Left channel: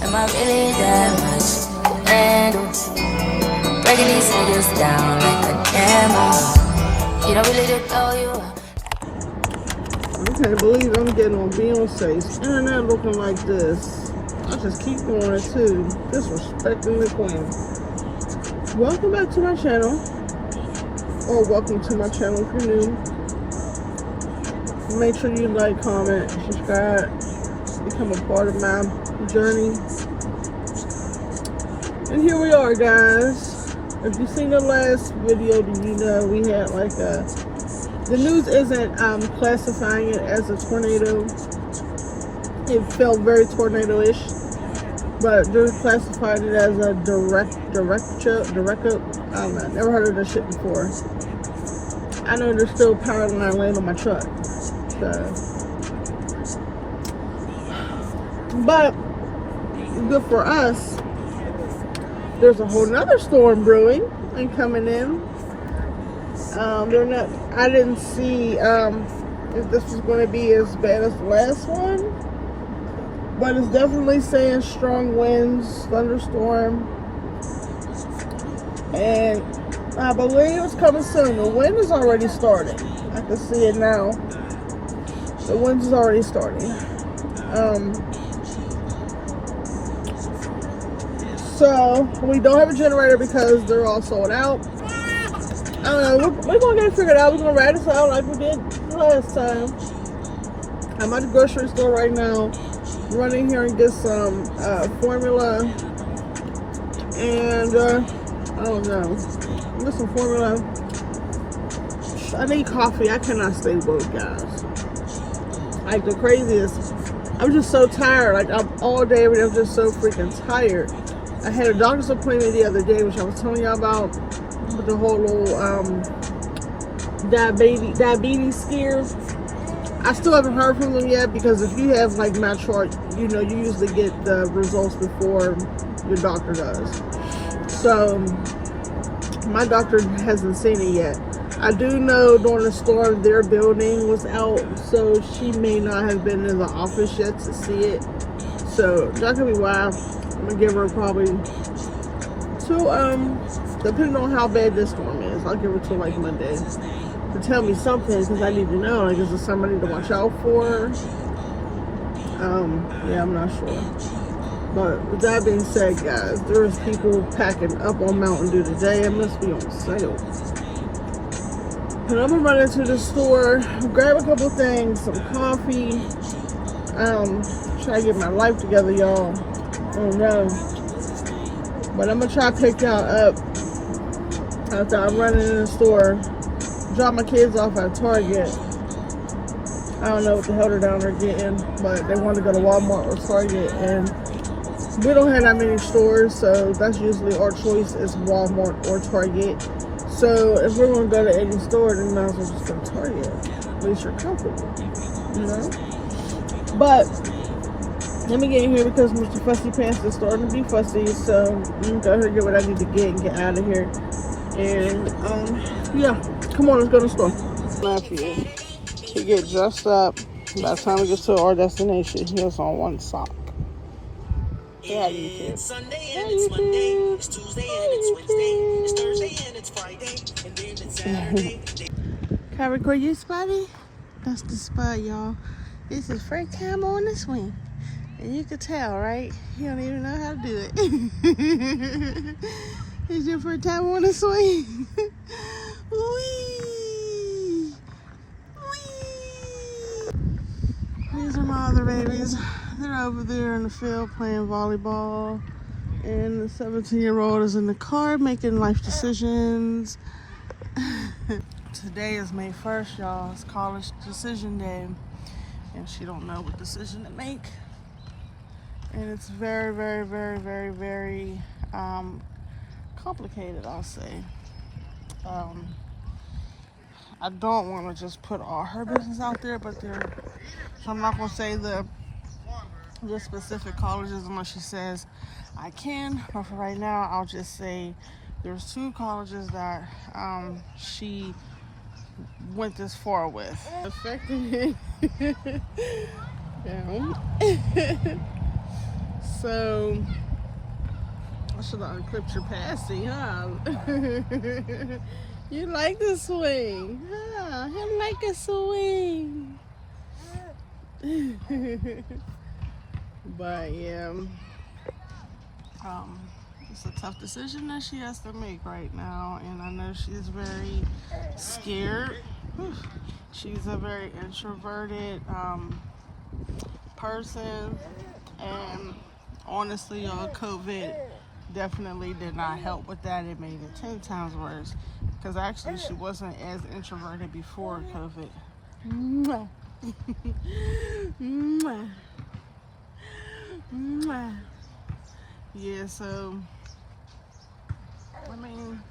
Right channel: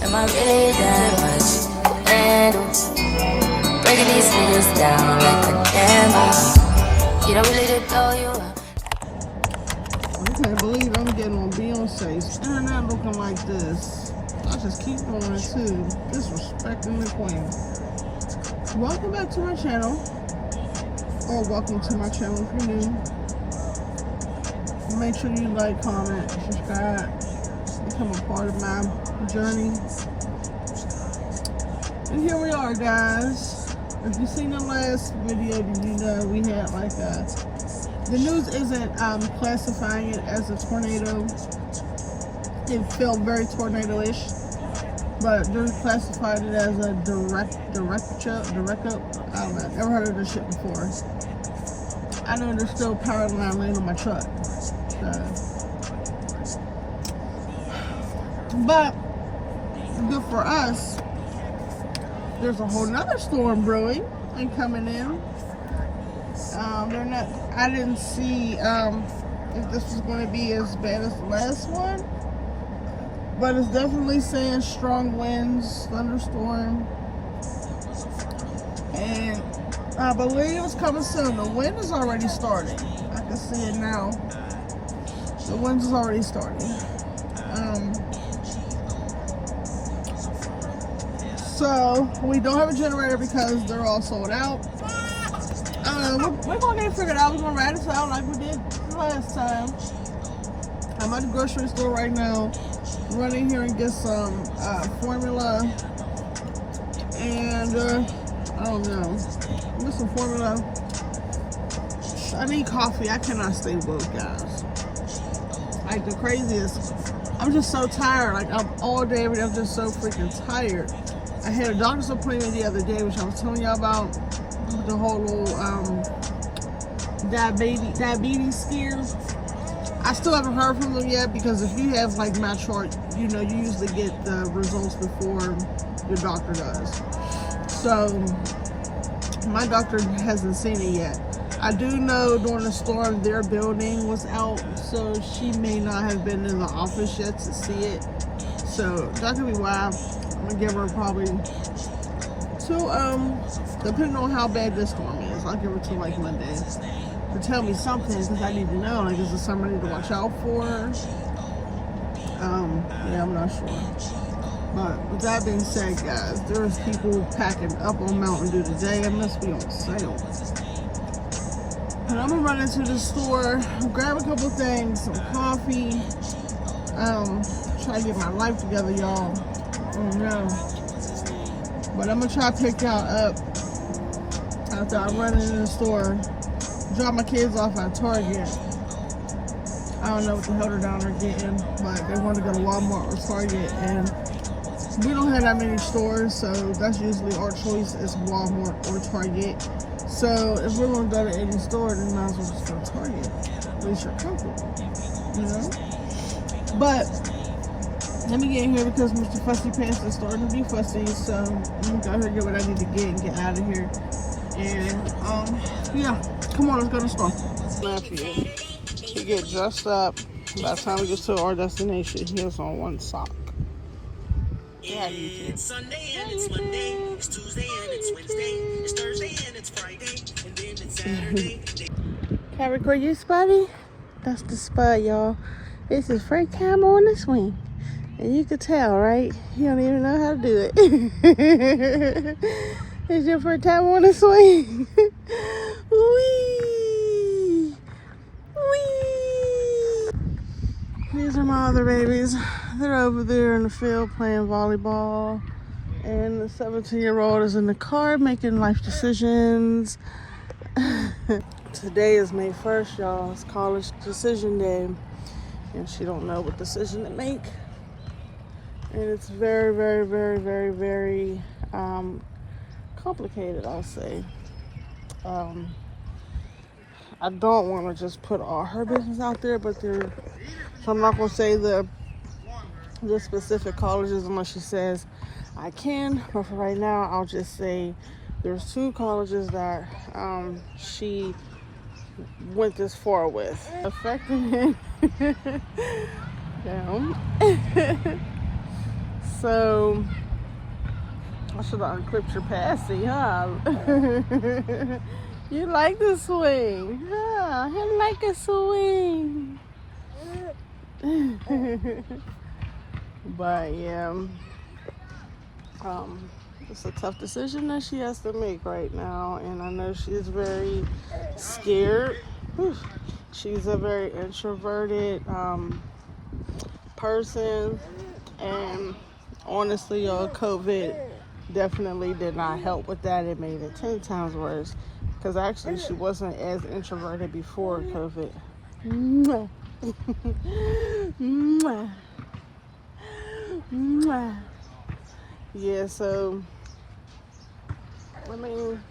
Am I really that much to handle? Breaking these niggas down like a gamble. You don't really know you are. I can't believe I'm getting on Beyonce's internet looking like this. I just keep doing it too. Disrespecting the queen. Welcome back to my channel. Or welcome to my channel if you're new. Make sure you like, comment, subscribe, become a part of my journey. And here we are, guys. If you've seen the last video, then you know we had like the news isn't classifying it as a tornado. It felt very tornado-ish, but they're classifying it as a direct. I don't know. Never heard of this shit before. I know there's still power line laying on my truck. So. But good for us. There's a whole nother storm brewing and coming in. They're not. I didn't see if this was going to be as bad as the last one, but it's definitely saying strong winds, thunderstorm, and I believe it's coming soon. The wind is already starting. I can see it now. The wind is already starting. So we don't have a generator because they're all sold out. I don't know. We're gonna get it figured out. We're gonna ride this out like we did last time. I'm at the grocery store right now. Run in here and get some formula and I don't know. Get some formula. I need coffee. I cannot stay broke, guys. Like the craziest. I'm just so tired. Like I'm all day every day. I'm just so freaking tired. I had a doctor's appointment the other day, which I was telling y'all about, with the whole little diabetes scares. I still haven't heard from them yet, because if you have like my chart, you know you usually get the results before your doctor does. So my doctor hasn't seen it yet. I do know during the storm their building was out, so she may not have been in the office yet to see it. So that could be why. I'm gonna give her probably till depending on how bad this storm is, I'll give her till like Monday to tell me something, because I need to know, like, is there somebody to watch out for? Yeah, I'm not sure. But with that being said, guys, there's people packing up on Mountain Dew today. It must be on sale. And I'm gonna run into the store, grab a couple things, some coffee, try to get my life together, y'all. Oh no. But I'm gonna try to pick y'all up after I'm running in the store. Drop my kids off at Target. I don't know what the hell they're down there getting, but they want to go to Walmart or Target, and we don't have that many stores, so that's usually our choice, is Walmart or Target. So if we're gonna go to any store, then we might as well just go to Target. At least you're comfortable, you know? But let me get in here because Mr. Fussy Pants is starting to be fussy, so I'm gonna go here, get what I need to get, and get out of here. And yeah, come on, let's go to the store. Matthew, he get dressed up. By the time we get to our destination, he has on one sock. Yeah, it's Sunday and it's Monday, it's Tuesday and it's Wednesday, it's Thursday and it's Friday, and then it's Saturday. Can I record you, Spotty? That's the spot, y'all. This is first time on the swing. And you could tell, right? You don't even know how to do it. It's your first time on the swing. Wee! Wee! These are my other babies. They're over there in the field playing volleyball. And the 17-year-old is in the car making life decisions. Today is May 1st, y'all. It's college decision day. And she don't know what decision to make. And it's very, very, very, very, very complicated, I'll say. I don't want to just put all her business out there, but I'm not going to say the specific colleges unless she says I can. But for right now, I'll just say there's 2 colleges that she went this far with. Affecting it. Down. So I should have unclipped your passy, huh? You like the swing, huh? You like a swing. But yeah, it's a tough decision that she has to make right now, and I know she's very scared. She's a very introverted person, and honestly, y'all, COVID definitely did not help with that. It made it 10 times worse, because actually she wasn't as introverted before COVID. Mwah. Mwah. Mwah. Yeah, so I mean,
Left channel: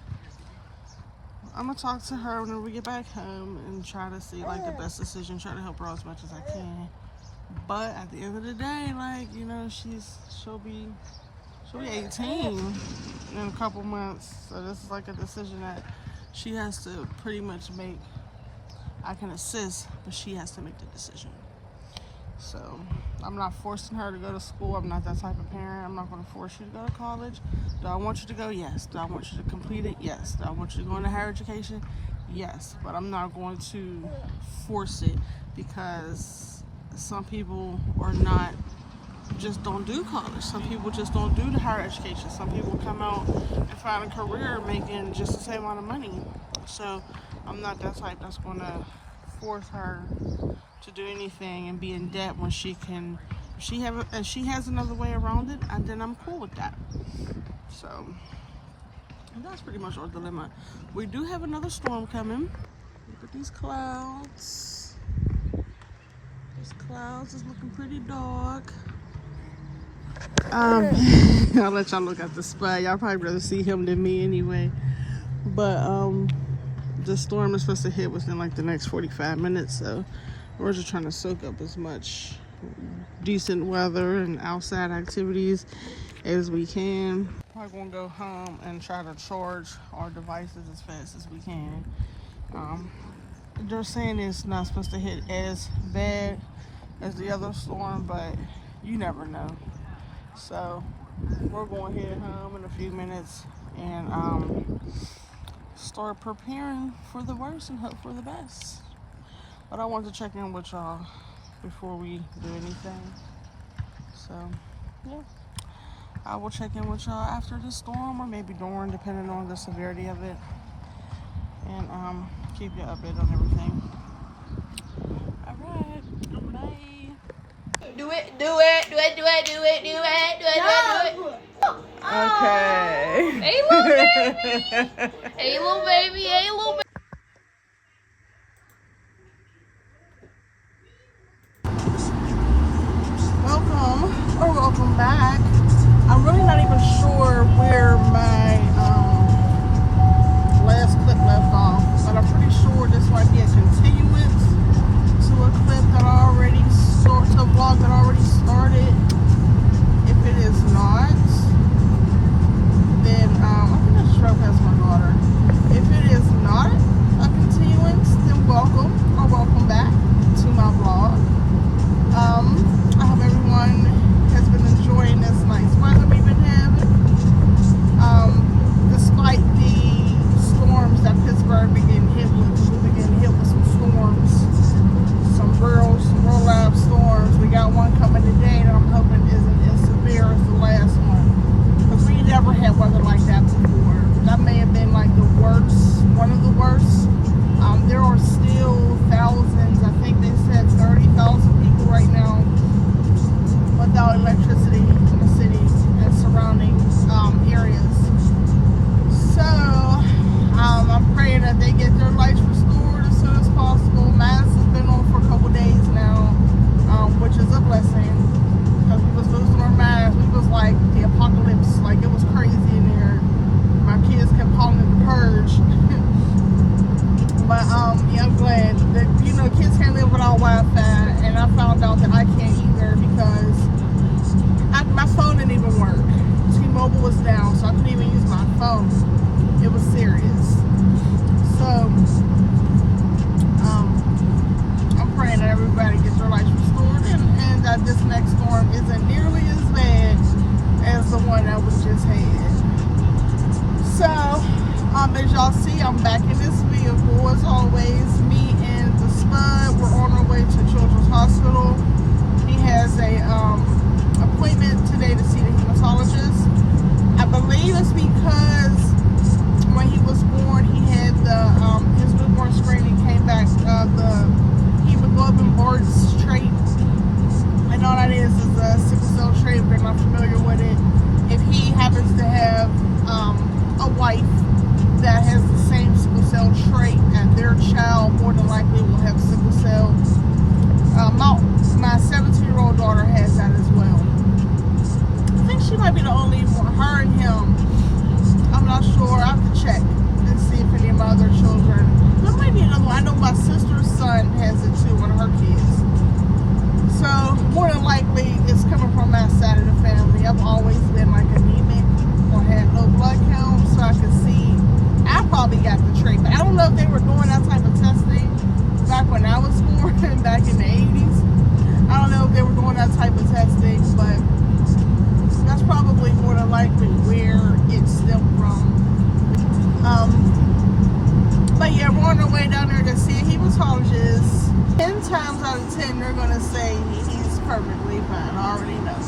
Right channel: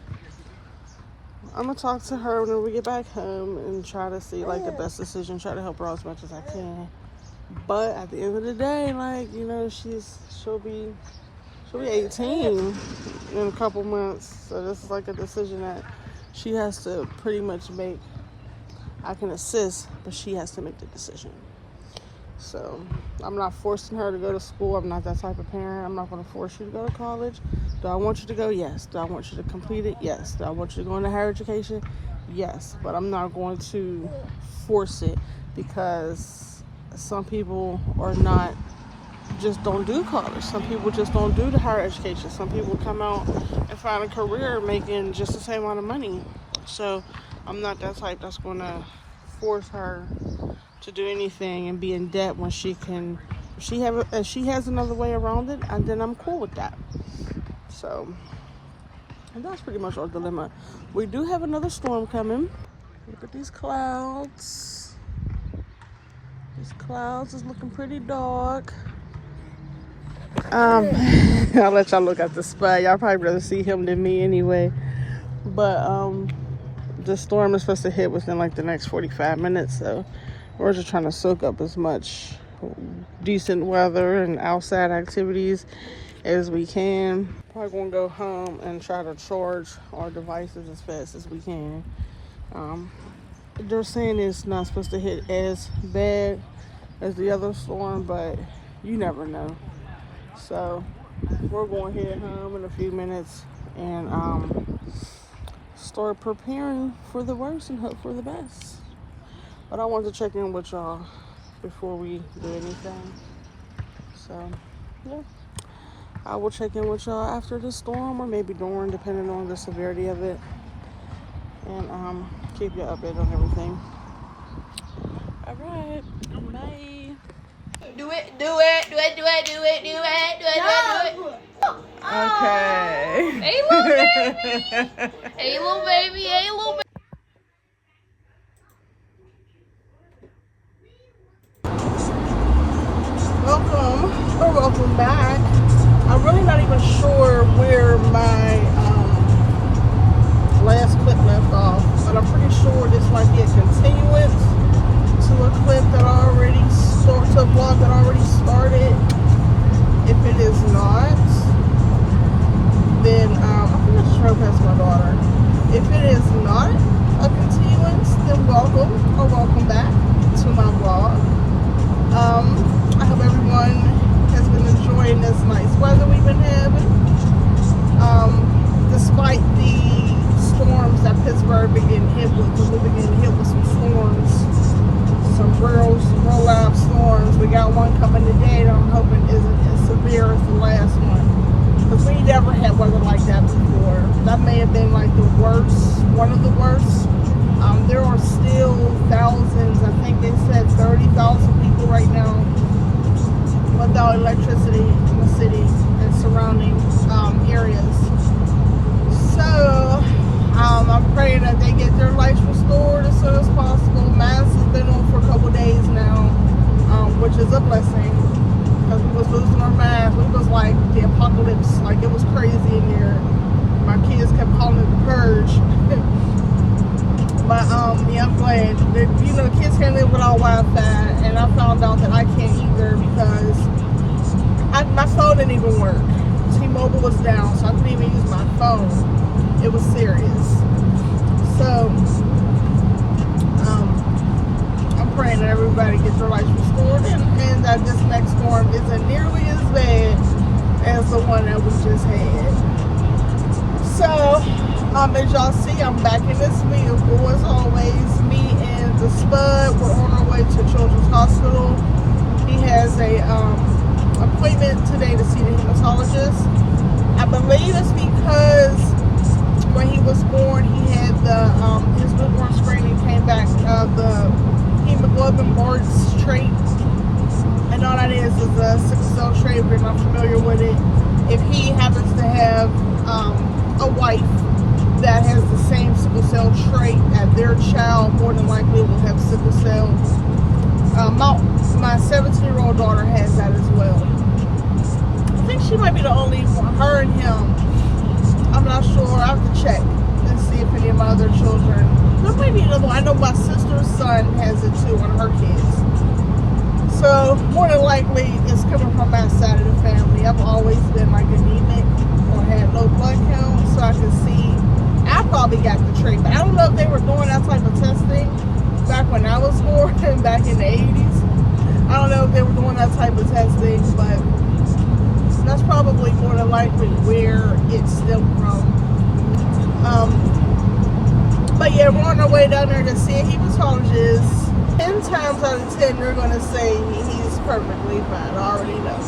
I'm gonna talk to her when we get back home and try to see like the best decision, try to help her out as much as I can. But at the end of the day, like, you know, she'll be 18 in a couple months. So this is like a decision that she has to pretty much make. I can assist, but she has to make the decision. So I'm not forcing her to go to school. I'm not that type of parent. I'm not going to force you to go to college. Do I want you to go? Yes. Do I want you to complete it? Yes. Do I want you to go into higher education? Yes. But I'm not going to force it, because some people are not, just don't do college. Some people just don't do the higher education. Some people come out and find a career making just the same amount of money. So I'm not that type that's going to force her to do anything and be in debt when she can. If she has another way around it, and then I'm cool with that. So that's pretty much our dilemma. We do have another storm coming. Look at these clouds. These clouds is looking pretty dark. I'll let y'all look at the spot. Y'all probably rather see him than me anyway. But the storm is supposed to hit within like the next 45 minutes, so we're just trying to soak up as much decent weather and outside activities as we can. Probably gonna go home and try to charge our devices as fast as we can. They're saying it's not supposed to hit as bad as the other storm, but you never know. So we're going to head home in a few minutes and start preparing for the worst and hope for the best. But I wanted to check in with y'all before we do anything. So yeah, I will check in with y'all after the storm, or maybe during, depending on the severity of it, and keep you updated on everything. All right, bye. Do it. Okay. Hey, little baby. Hey, little baby. Hey, little baby. Welcome back. I'm really not even sure where my last clip left off, but I'm pretty sure this might be a continuance to a clip that I already to a vlog that I already started. If it is not, then I think I just drove past my daughter. If it is not a continuance, then welcome back to my vlog. I hope everyone has been enjoying this nice weather we've been having. Despite the storms that Pittsburgh been getting hit with, because we've been getting hit with some storms, some real live storms. We got one coming today that I'm hoping isn't as severe as the last one, because we never had weather like that before. That may have been like the worst, one of the worst. There are still thousands, I think they said 30,000 people right now without electricity in the city and surrounding areas. So I'm praying that they get their lights restored as soon as possible. Mass has been on for a couple days now, which is a blessing, because we was losing our mass. We was like the apocalypse, like it was crazy in here. My kids kept calling it the purge. But yeah, I'm glad that, you know, kids can't live without Wi-Fi, and I found out that I can't either, because my phone didn't even work. T-Mobile was down, so I couldn't even use my phone. It was serious. So I'm praying that everybody gets their lights restored, and that this next storm isn't nearly as bad one that we just had. So, as y'all see, I'm back in this vehicle as always. Me and the Spud, we're on our way to Children's Hospital. He has a appointment today to see the hematologist. I believe it's because when he was born, he had the his newborn screening came back the hemoglobin Bart's trait, and all that is a sickle cell trait. If you're not familiar with it, if he happens to have a wife that has the same sickle cell trait, that their child more than likely will have sickle cell. My 17-year-old daughter has that as well. I think she might be the only one, her and him. I'm not sure. I have to check and see if any of my other children. There might be another one. I know my sister's son has it too, one of her kids. So more than likely it's coming from my side of the family. I've always been like anemic or had low blood count, so I can see I probably got the trait. But I don't know if they were doing that type of testing back when I was born, back in the 80s. I don't know if they were doing that type of testing, but that's probably more than likely where it stemmed from. But yeah, we're on our way down there to see a hematologist. 10 times out of 10, they're going to say he's perfectly fine. I already know.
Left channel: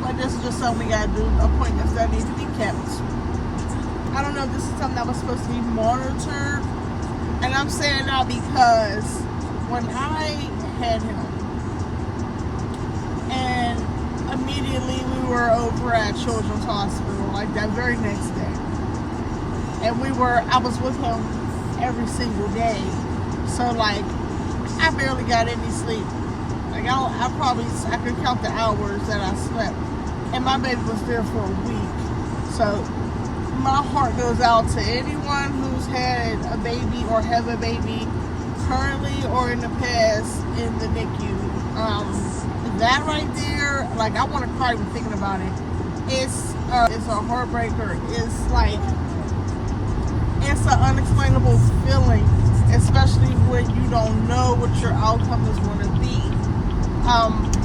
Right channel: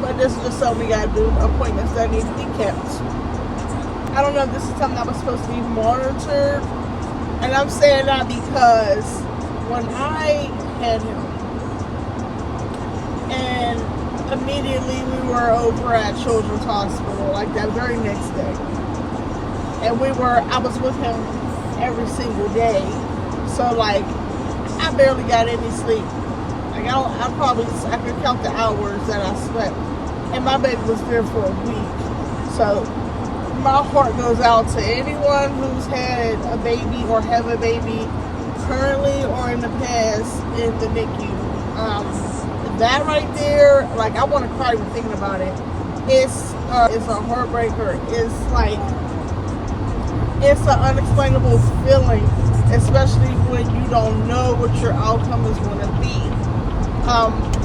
But this is just something we got to do, appointments that need to be kept. I don't know if this is something that was supposed to be monitored. And I'm saying that because when I had him, and immediately we were over at Children's Hospital, like that very next day. And I was with him every single day. So like, I barely got any sleep. Like I could count the hours that I slept. And my baby was there for a week. So my heart goes out to anyone who's had a baby or have a baby currently or in the past in the NICU. That right there, like I want to cry when thinking about it. It's a heartbreaker. It's an unexplainable feeling, especially when you don't know what your outcome is going to be.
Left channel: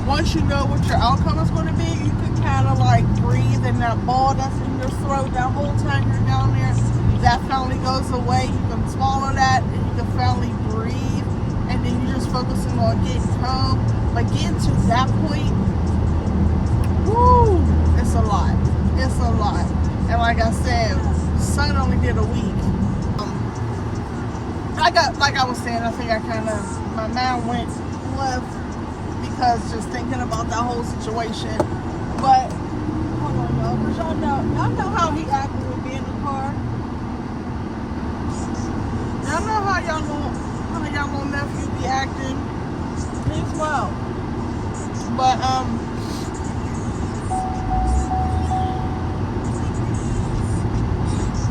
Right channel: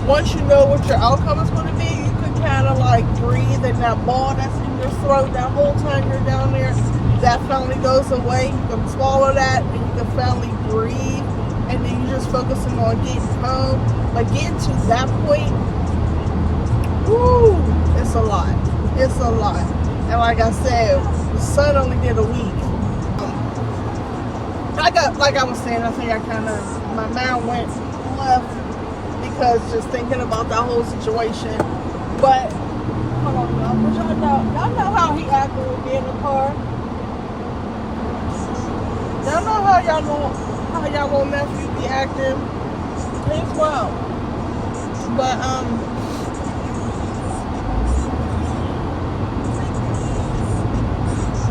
Once you know what your outcome is going to be, you can kind of like breathe, and that ball that's in your throat that whole time you're down there, that finally goes away. You can swallow that and you can finally breathe, and then you're just focusing on getting home. But getting to that point, woo, it's a lot. It's a lot. And like I said, the son only did a week. Like I was saying, I think my mind went left because just thinking about that whole situation. But hold on, y'all, because y'all know how he acted with me in the car. Y'all know how y'all little nephew be acting. He's wild. But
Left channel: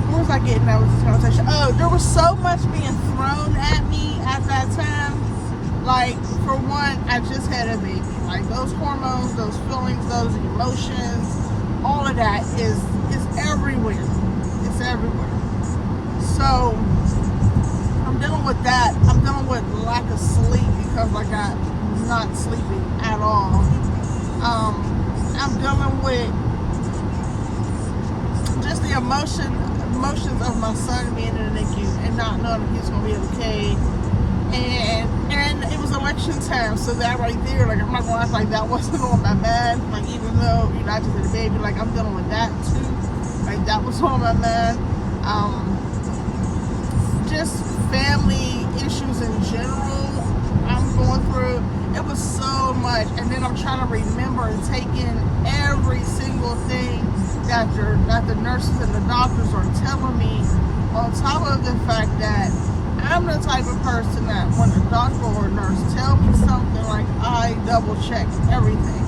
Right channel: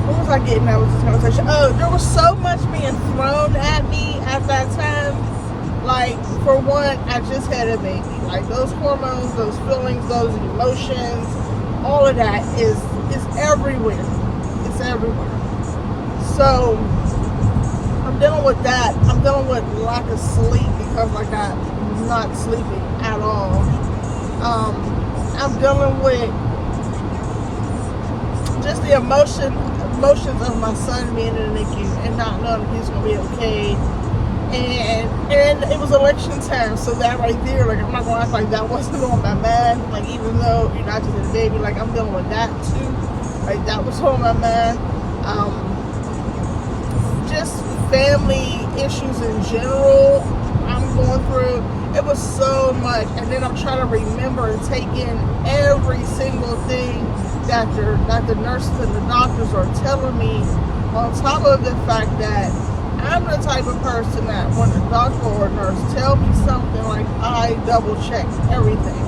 what was I getting out of this conversation? Oh, there was so much being thrown at me at that time. Like, for one, I just had a baby. Like, those hormones, those feelings, those emotions, all of that is everywhere. It's everywhere. So, I'm dealing with that. I'm dealing with lack of sleep because, like, I'm not sleeping at all. I'm dealing with just the emotions of my son being in the NICU and not knowing if he's gonna be okay. And it was election time, so that right there, like I'm not gonna act like that wasn't on my mind. Like even though I just had a baby, like I'm dealing with that too. Like that was on my mind. Just family issues in general, I'm going through. It was so much, and then I'm trying to remember and take in every single thing that the nurses and the doctors are telling me, on top of the fact that I'm the type of person that when a doctor or a nurse tell me something, like I double check everything.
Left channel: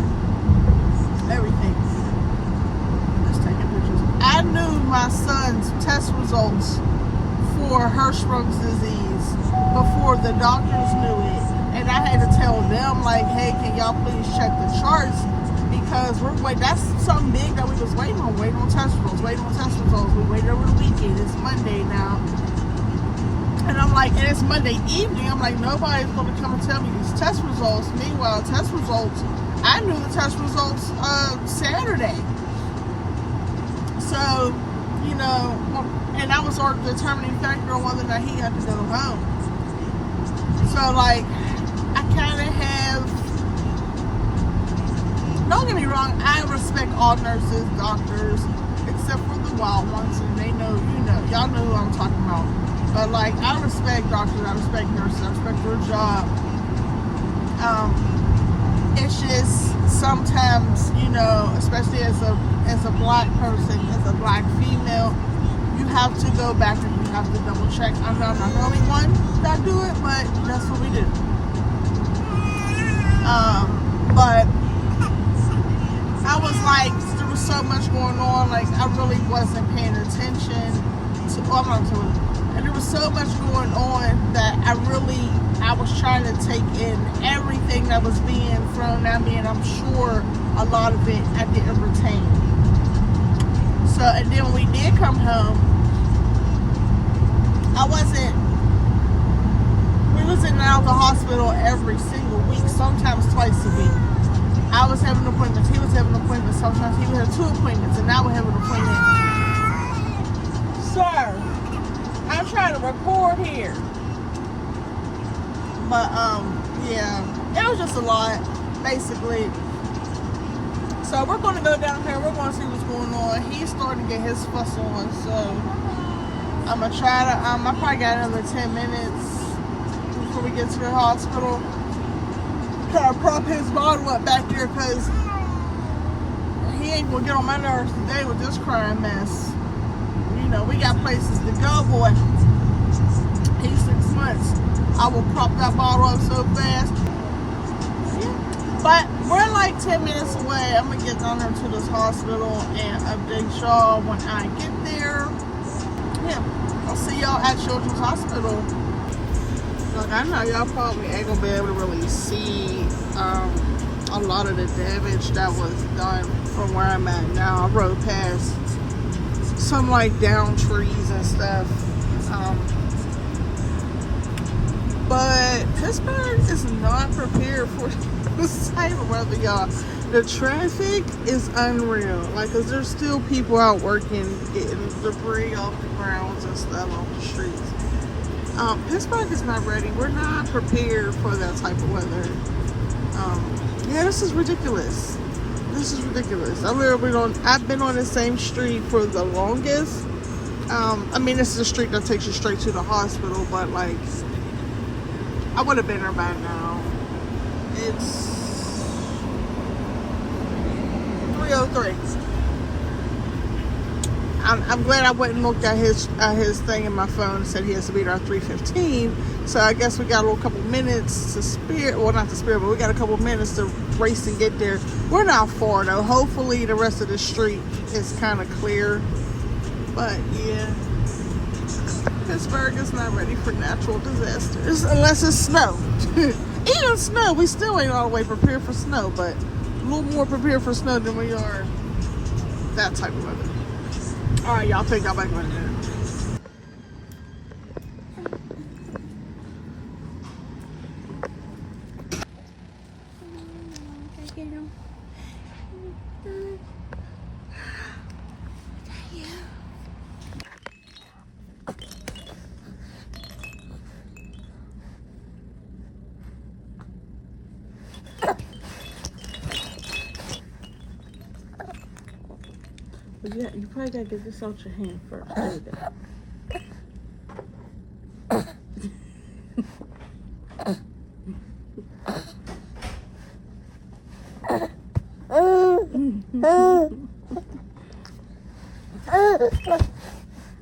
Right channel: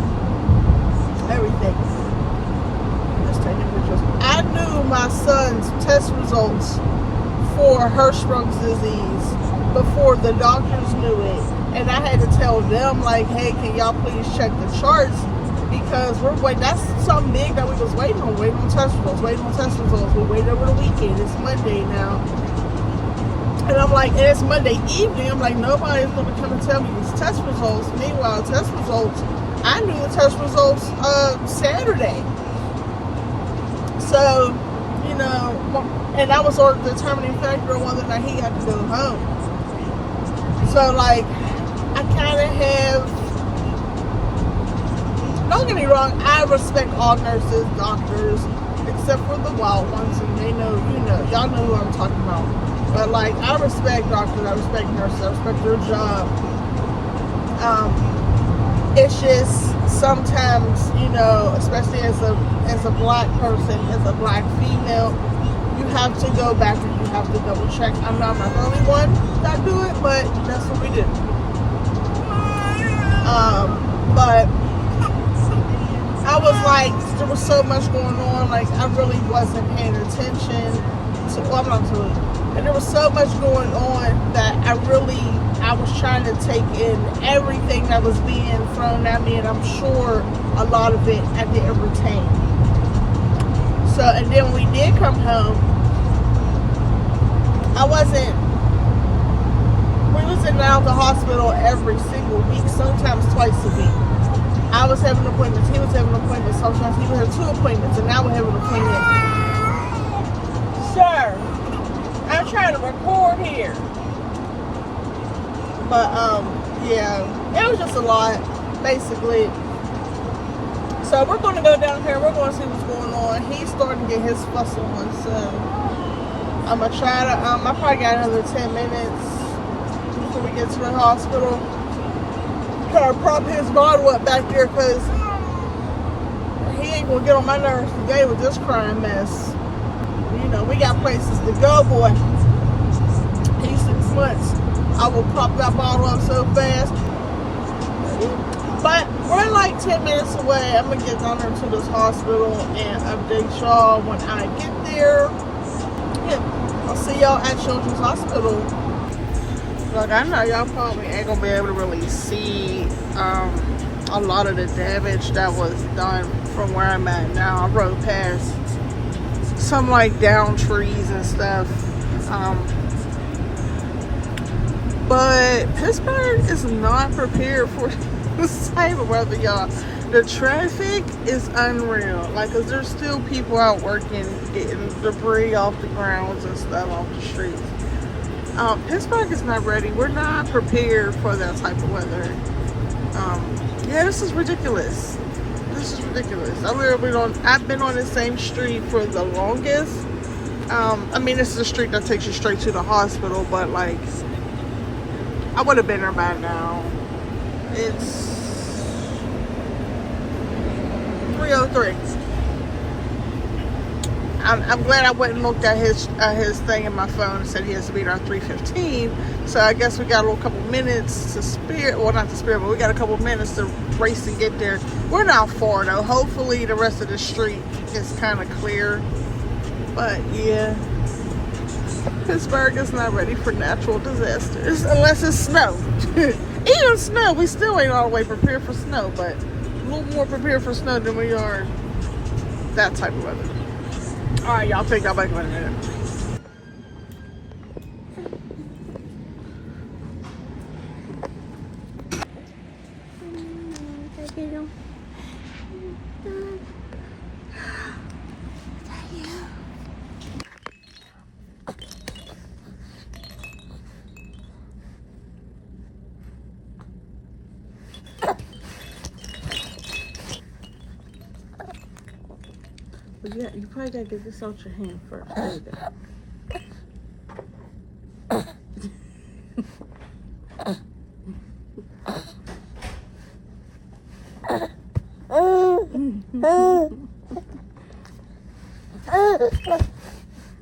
Just taking pictures. I knew my son's test results for Hirschsprung's disease before the doctors knew it. And I had to tell them, like, hey, can y'all please check the charts? Because we're waiting. That's something big that we was waiting on test results. We waited over the weekend. It's Monday now. And I'm like, and it's Monday evening. I'm like, nobody's going to come and tell me these test results. Meanwhile, test results, I knew the test results Saturday. Saturday. So, you know, and that was sort of the determining factor on whether or not he got to go home. So, like, I kind of have, don't get me wrong, I respect all nurses, doctors, except for the wild ones, and they know, you know, y'all know who I'm talking about. But, like, I respect doctors, I respect nurses, I respect their job. It's just sometimes, you know, especially as a black person, as a black female, you have to go back and you have to double check. I know I'm not the only one that do it, but that's what we do. But I was like, there was so much going on, like I really wasn't paying attention to, well, I'm not telling you. And there was so much going on that I was trying to take in everything that was being thrown at me, and I'm sure a lot of it I didn't retain. So, and then when we did come home, we was in and out of the hospital every single week, sometimes twice a week. I was having appointments, he was having appointments, sometimes he would have 2 appointments, and now we're having an appointment. Sir, I'm trying to record here. But, yeah, it was just a lot, basically. So we're going to go down here, we're going to see what's going on. He's starting to get his fuss on, so I'm going to try to, I probably got another 10 minutes before we get to the hospital. Kind of prop his bottle up back there, because he ain't going to get on my nerves today with this crying mess. You know, we got places to go, boy. He's 6 months. I will prop that bottle up so fast. But we're like 10 minutes away. I'm going to get down there to this hospital and update y'all when I get there. Yeah, I'll see y'all at Children's Hospital. Like, I know y'all probably ain't going to be able to really see a lot of the damage that was done from where I'm at now. I rode past some like down trees and stuff. But Pittsburgh is not prepared for this type of weather, y'all. The traffic is unreal. Like, cause there's still people out working, getting debris off the grounds and stuff off the streets. Pittsburgh is not ready. We're not prepared for that type of weather. Yeah, this is ridiculous. This is ridiculous. I've been on the same street for the longest. I mean, this is a street that takes you straight to the hospital, but like, I would have been there by now. It's 3:03. I'm glad I went and looked at his thing in my phone. It said he has to be there at 3:15. So I guess we got a little couple minutes to spare. Well, not to spare, but we got a couple minutes to race and get there. We're not far though. Hopefully the rest of the street is kind of clear. But yeah, Pittsburgh is not ready for natural disasters unless it's snow. Even snow, we still ain't all the way prepared for snow, but a little more prepared for snow than we are that type of weather. All right, y'all, pick up back in a minute. But yeah, you probably gotta get this out your hand first. There we go.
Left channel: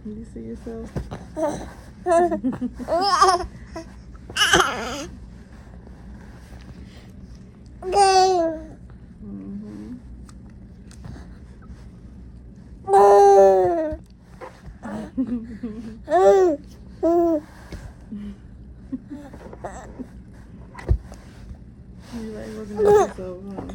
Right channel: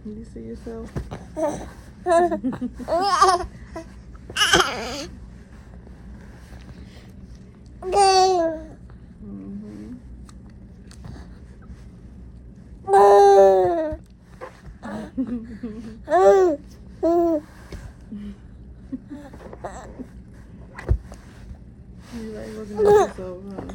You see yourself? You like looking at yourself, huh?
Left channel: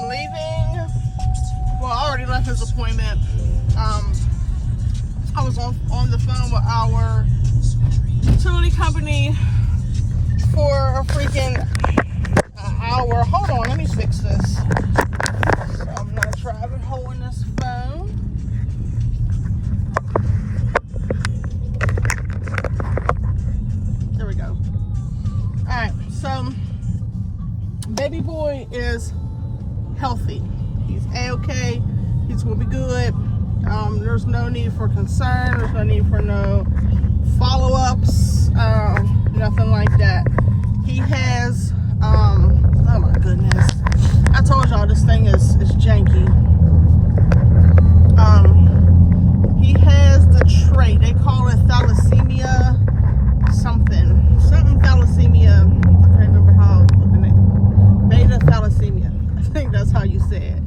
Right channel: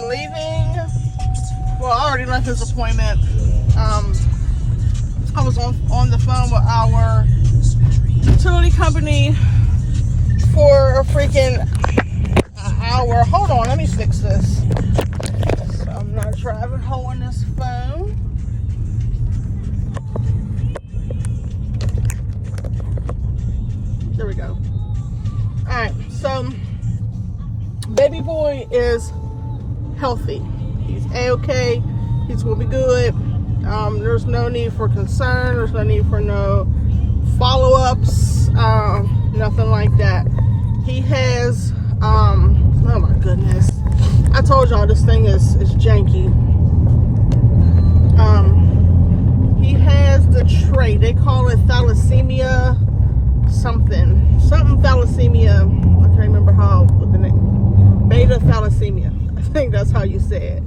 I'm leaving. Well, I already left his appointment. I was on the phone with our utility company for a freaking hour. Hold on, let me fix this. So I'm not driving holding this phone. There we go. Alright, so baby boy is healthy. He's A-okay. He's gonna be good. There's no need for concern. There's no need for no follow-ups. Nothing like that. He has, oh my goodness. I told y'all this thing is janky. He has the trait. They call it thalassemia something thalassemia. I can't remember what the name. Beta thalassemia. I think that's how you say it.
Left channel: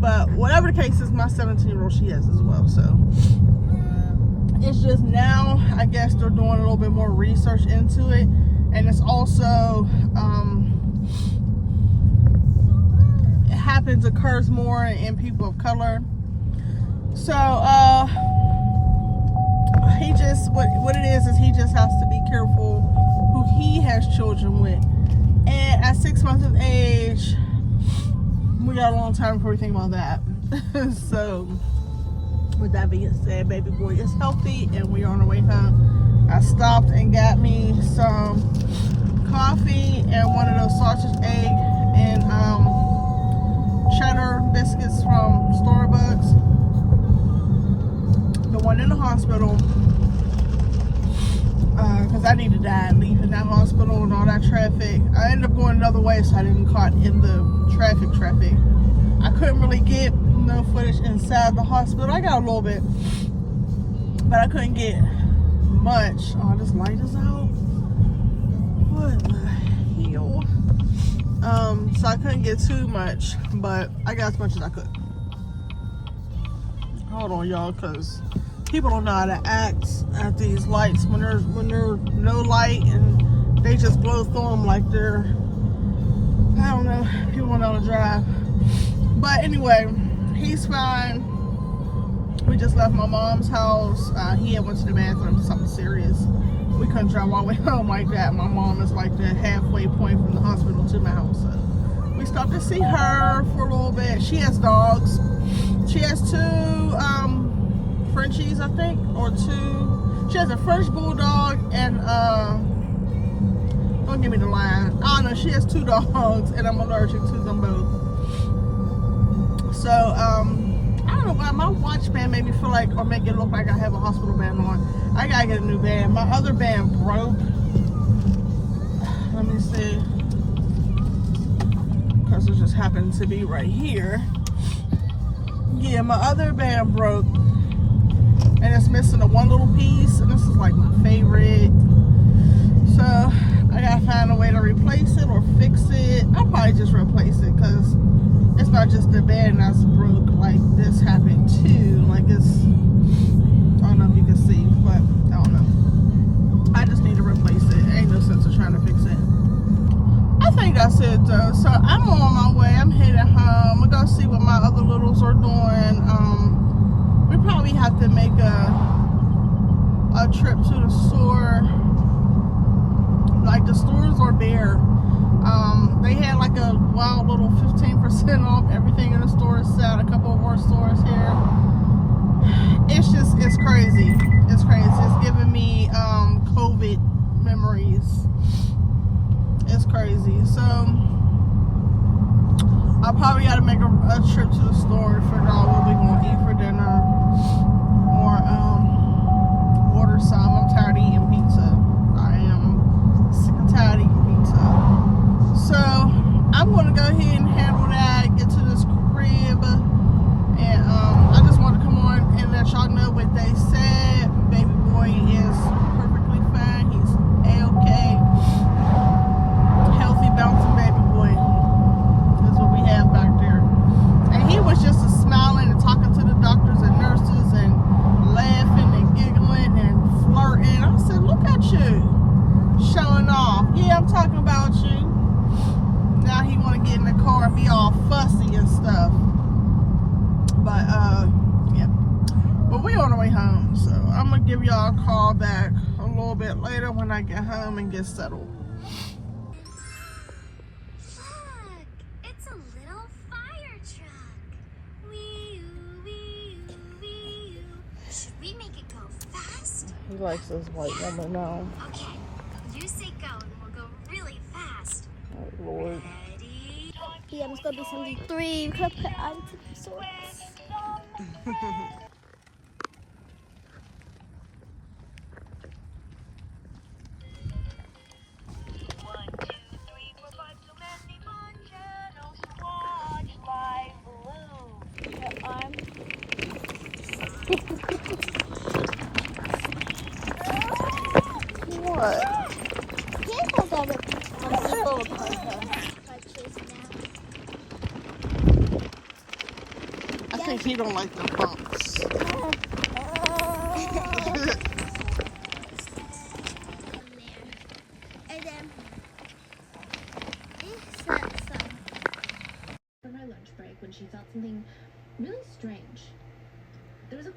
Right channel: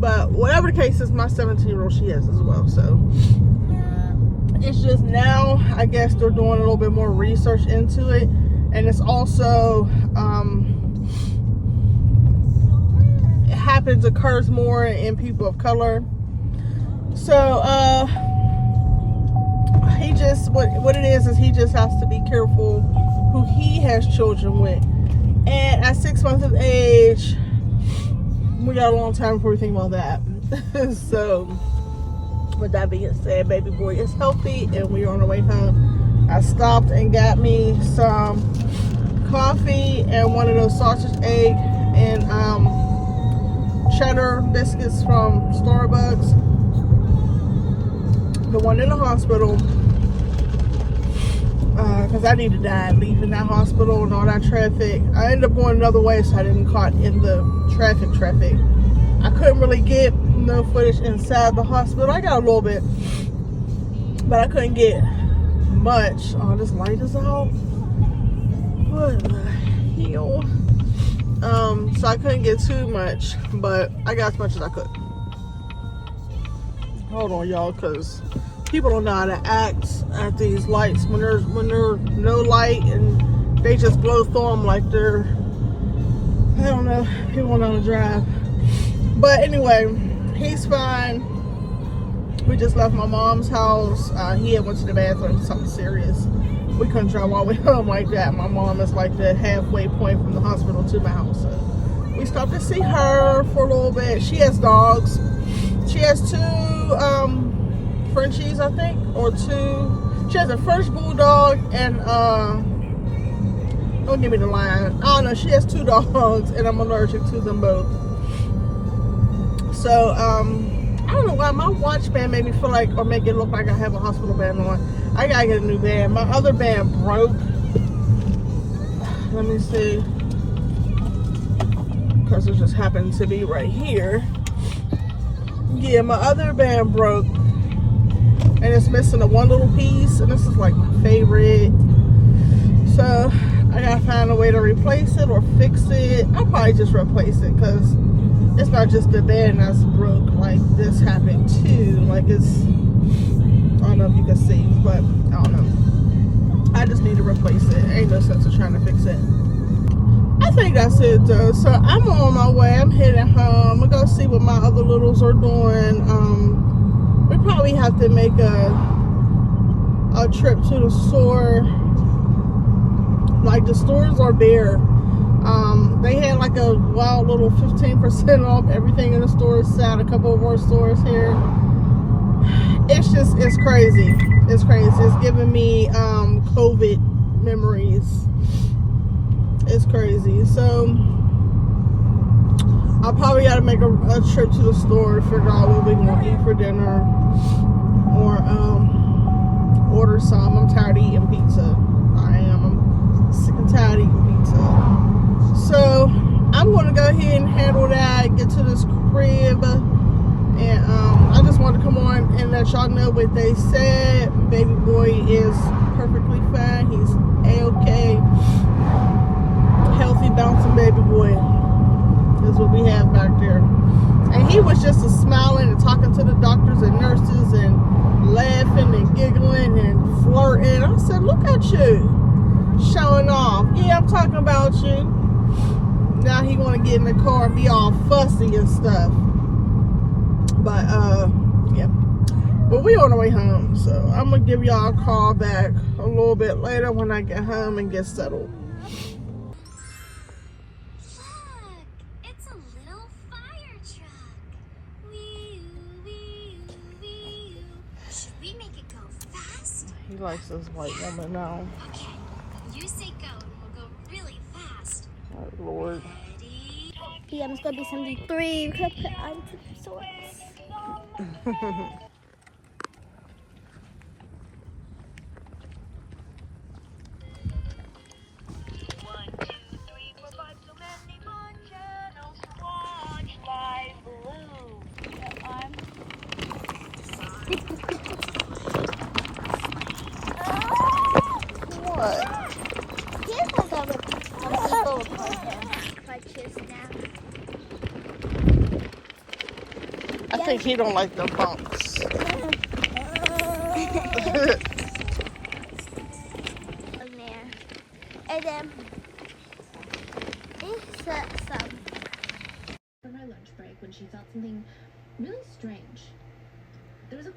But whatever the case is, my 17-year-old, she has as well. So it's just now, I guess they're doing a little bit more research into it. And it's also, it occurs more in people of color. So, he just, what it is he just has to be careful who he has children with. And at 6 months of age, we got a long time before we think about that. So, with that being said, baby boy is healthy and we're on our way home. I stopped and got me some coffee and one of those sausage, egg, and cheddar biscuits from Starbucks. The one in the hospital, because I need to die leaving that hospital and all that traffic. I ended up going another way, so I didn't caught in the traffic. I couldn't really get no footage inside the hospital. I got a little bit, but I couldn't get much. Oh, this light is out. What the hell? So I couldn't get too much, but I got as much as I could. Hold on, y'all, because people don't know how to act at these lights when there's no light and they just blow through them like they're, I don't know, people don't know how to drive. But anyway, he's fine. We just left my mom's house. He had went to the bathroom, something serious. We couldn't drive all the way home like that. My mom is like the halfway point from the hospital to my house. So we stopped to see her for a little bit. She has dogs. She has two Frenchies, I think, or two. She has a French bulldog and don't give me the line. I don't know. She has two dogs, and I'm allergic to them both. So I don't know why my watch band made me feel like, or make it look like I have a hospital band on. I gotta get a new band. My other band broke. Let me see. Because it just happened to be right here. Yeah, my other band broke. And it's missing a one little piece. And this is like my favorite. So I gotta find a way to replace it or fix it. I'll probably just replace it because it's not just the band that's broke. Like this happened too. Like it's, I don't know if you can see, but I don't know. I just need to replace it. Ain't no sense of trying to fix it. I think that's it though. So I'm on my way. I'm heading home. I'm gonna see what my other littles are doing. We probably have to make a trip to the store. Like the stores are bare. They had like a wild little 15% off. Everything in the store is sad. A couple of our stores here. It's crazy. It's crazy. It's giving me COVID memories. It's crazy. So I probably got to make a trip to the store to figure out what we're going to eat for dinner, or order some. I'm tired of eating pizza. I am. I'm sick and tired of eating pizza. So I'm going to go ahead and handle that, get to this crib, and I just want to come on and let y'all know what they said. Baby boy is perfectly fine. He's A-okay. Healthy, bouncing baby boy is what we have back there. And he was just smiling and talking to the doctors and nurses and laughing and giggling and flirting. I said, look at you, showing off. Yeah, I'm talking about you. Now he want to get in the car and be all fussy and stuff. But yeah. But we on the way home, so I'm gonna give y'all a call back a little bit later when I get home and get settled. Look, it's a little fire truck. Wee-oo. Should we make it go fast? He likes this white woman now. Okay, you say go and we'll go really fast. Oh Lord. Ready? PM is gonna be 73. We're gonna put on some shorts. I think he don't like the bumps. For my lunch break when she felt something really strange. There was a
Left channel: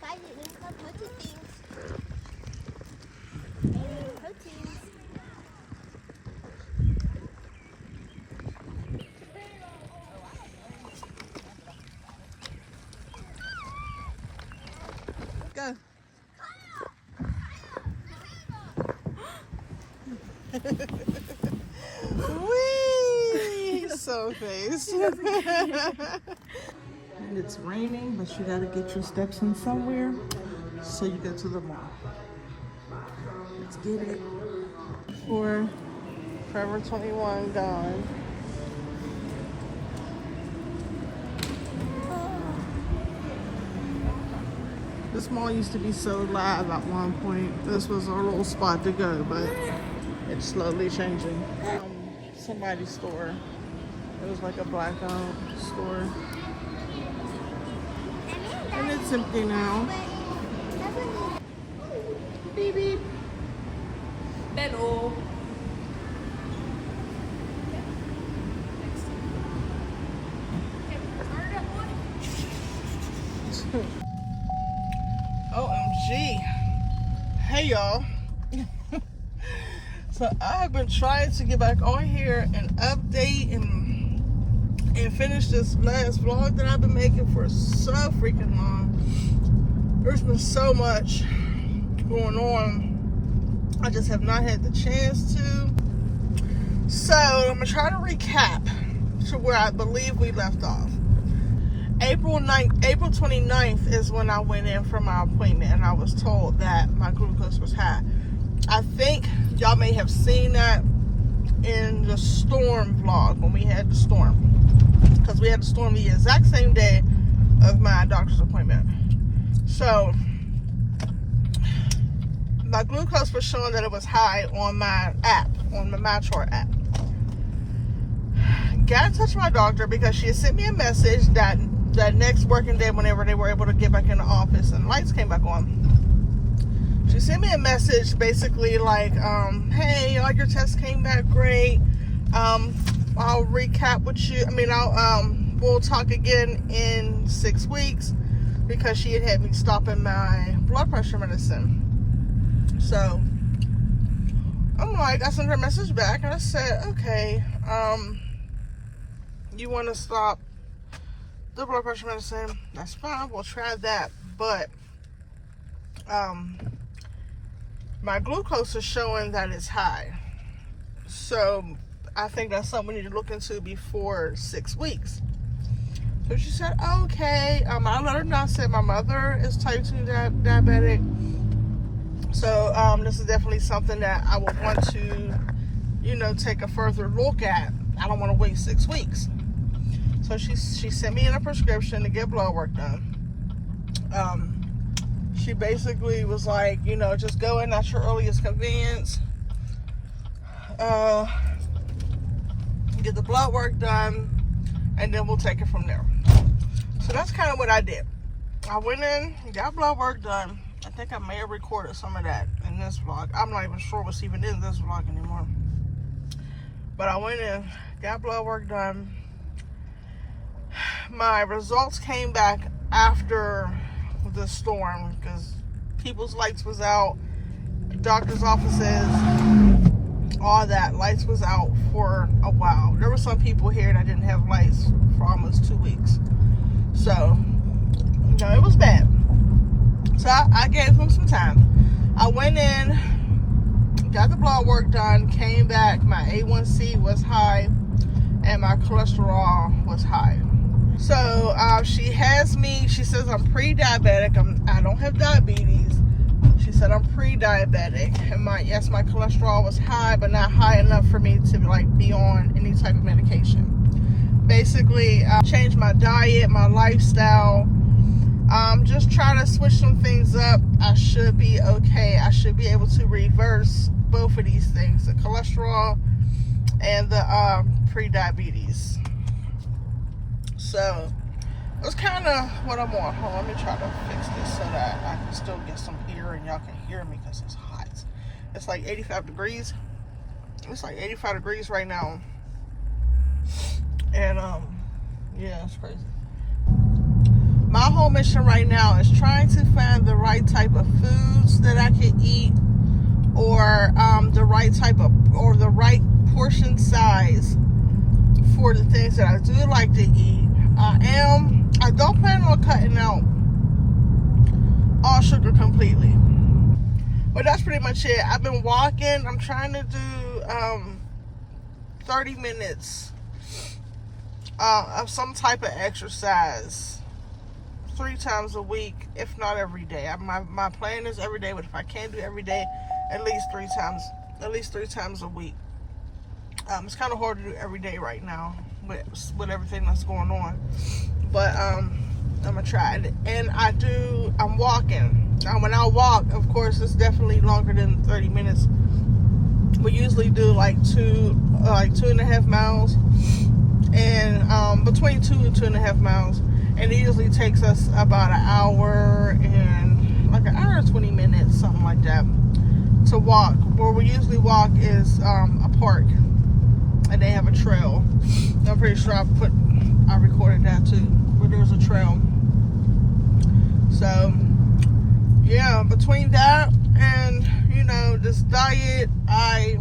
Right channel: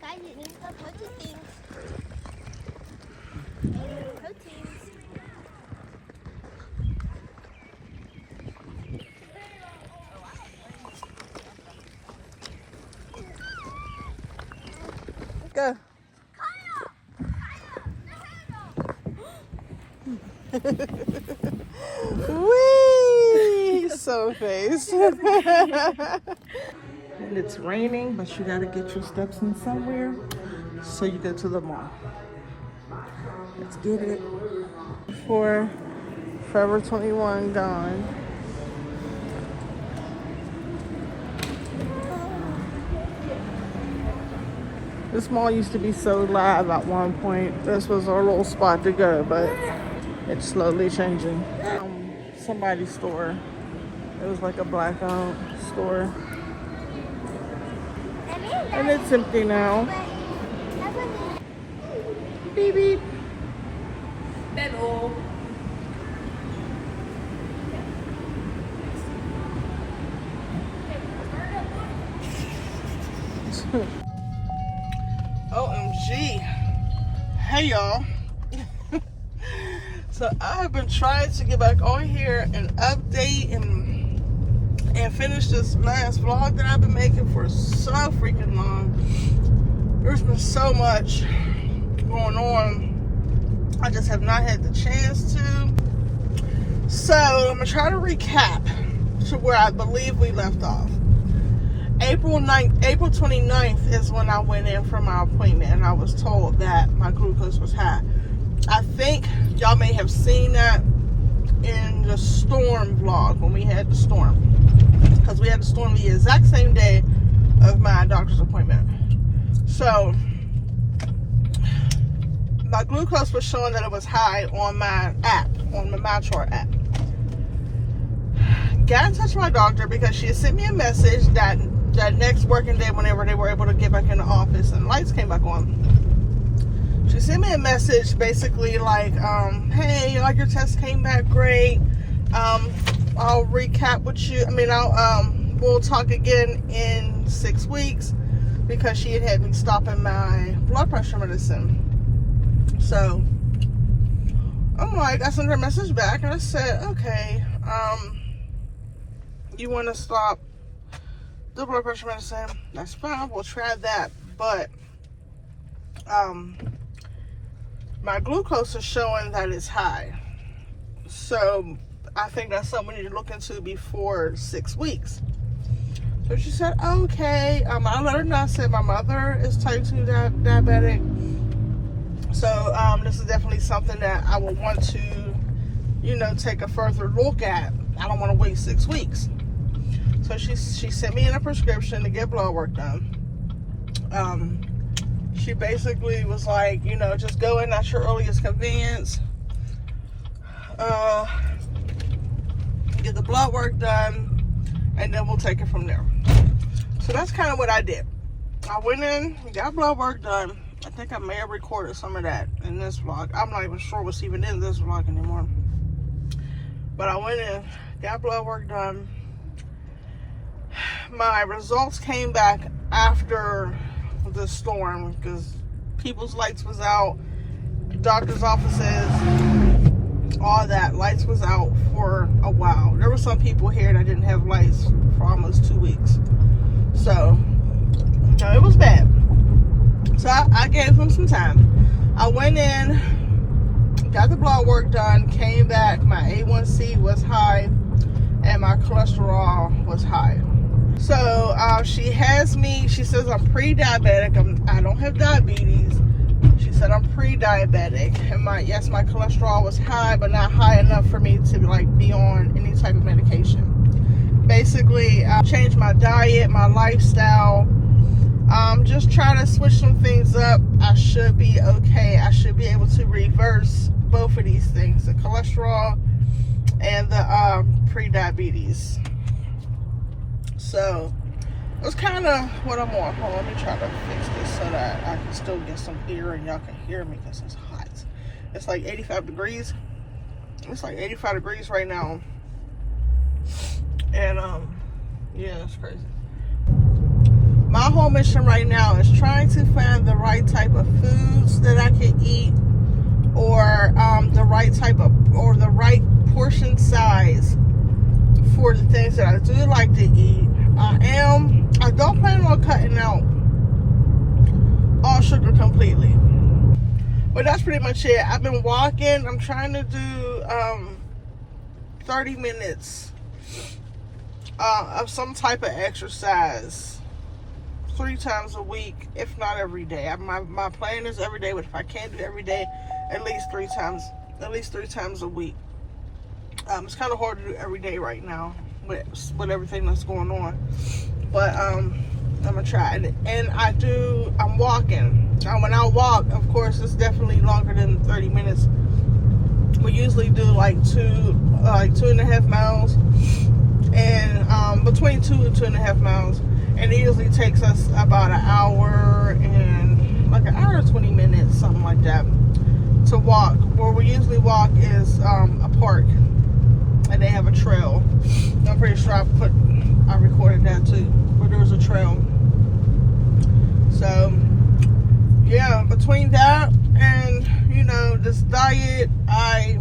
Guys, it needs more protein. Proteins. Go. Whee! So faced. And it's raining, but you gotta get your steps in somewhere, so you go to the mall. Let's get it. For Forever 21 gone. This mall used to be so live at one point. This was our little spot to go, but it's slowly changing. Somebody's store. It was like a black-owned store. And it's empty now. Beep beep. Bebo. OMG. Hey y'all. So I've been trying to get back on here and update and finish this last vlog that I've been making for so freaking long. There's been so much going on. I just have not had the chance to. So I'm gonna try to recap to where I believe we left off. April 29th is when I went in for my appointment and I was told that my glucose was high. I think y'all may have seen that in the storm vlog when we had the storm. Because we had the storm the exact same day of my doctor's appointment. So, my glucose was showing that it was high on my app, on my MyChart app. Got in touch with my doctor because she had sent me a message that next working day, whenever they were able to get back in the office and lights came back on, she sent me a message basically like, hey, like your test came back great. I'll recap with you. We'll talk again in 6 weeks, because she had me stopping my blood pressure medicine. So I'm like, I sent her a message back and I said, okay, you want to stop the blood pressure medicine? That's fine, we'll try that. But my glucose is showing that it's high, so I think that's something we need to look into before 6 weeks. So she said, okay. I let her know. I said my mother is type 2 diabetic, so this is definitely something that I would want to, take a further look at. I don't want to wait 6 weeks. So she sent me in a prescription to get blood work done. She basically was like, just go in at your earliest convenience. Get the blood work done, and then we'll take it from there. So that's kind of what I did. I went in, got blood work done. I think I may have recorded some of that in this vlog. I'm not even sure what's even in this vlog anymore. But I went in, got blood work done. My results came back after the storm because people's lights was out, doctor's offices, all that. Lights was out for a while. There were some people here that didn't have lights for almost 2 weeks. So, no, it was bad. So I gave them some time. I went in, got the blood work done, came back. My A1C was high and my cholesterol was high. So she has me, she says I'm pre-diabetic. I don't have diabetes. She said I'm pre-diabetic. And my cholesterol was high, but not high enough for me to like be on any type of medication. Basically, I changed my diet, my lifestyle. Just trying to switch some things up. I should be okay. I should be able to reverse both of these things, the cholesterol and the pre-diabetes. So that's kind of what I'm on. Hold on, let me try to fix this so that I can still get some air and y'all can hear me because it's hot. It's like 85 degrees. It's like 85 degrees right now. And yeah, it's crazy. My whole mission right now is trying to find the right type of foods that I can eat, or the right type of, or the right portion size for the things that I do like to eat. I don't plan on cutting out all sugar completely, but that's pretty much it. I've been walking. I'm trying to do 30 minutes of some type of exercise 3 times a week, if not every day. My plan is every day, but if I can't do every day, at least 3 times a week. It's kind of hard to do every day right now with everything that's going on, but I'm gonna try it. And I'm walking. Now when I walk, of course, it's definitely longer than 30 minutes. We usually do like 2.5 miles, and between 2 and 2.5 miles, and it usually takes us about an hour and like an hour and 20 minutes, something like that, to walk. Where we usually walk is a park, and they have a trail. I'm pretty sure I recorded that too, where there was a trail. So yeah, between that and this diet, I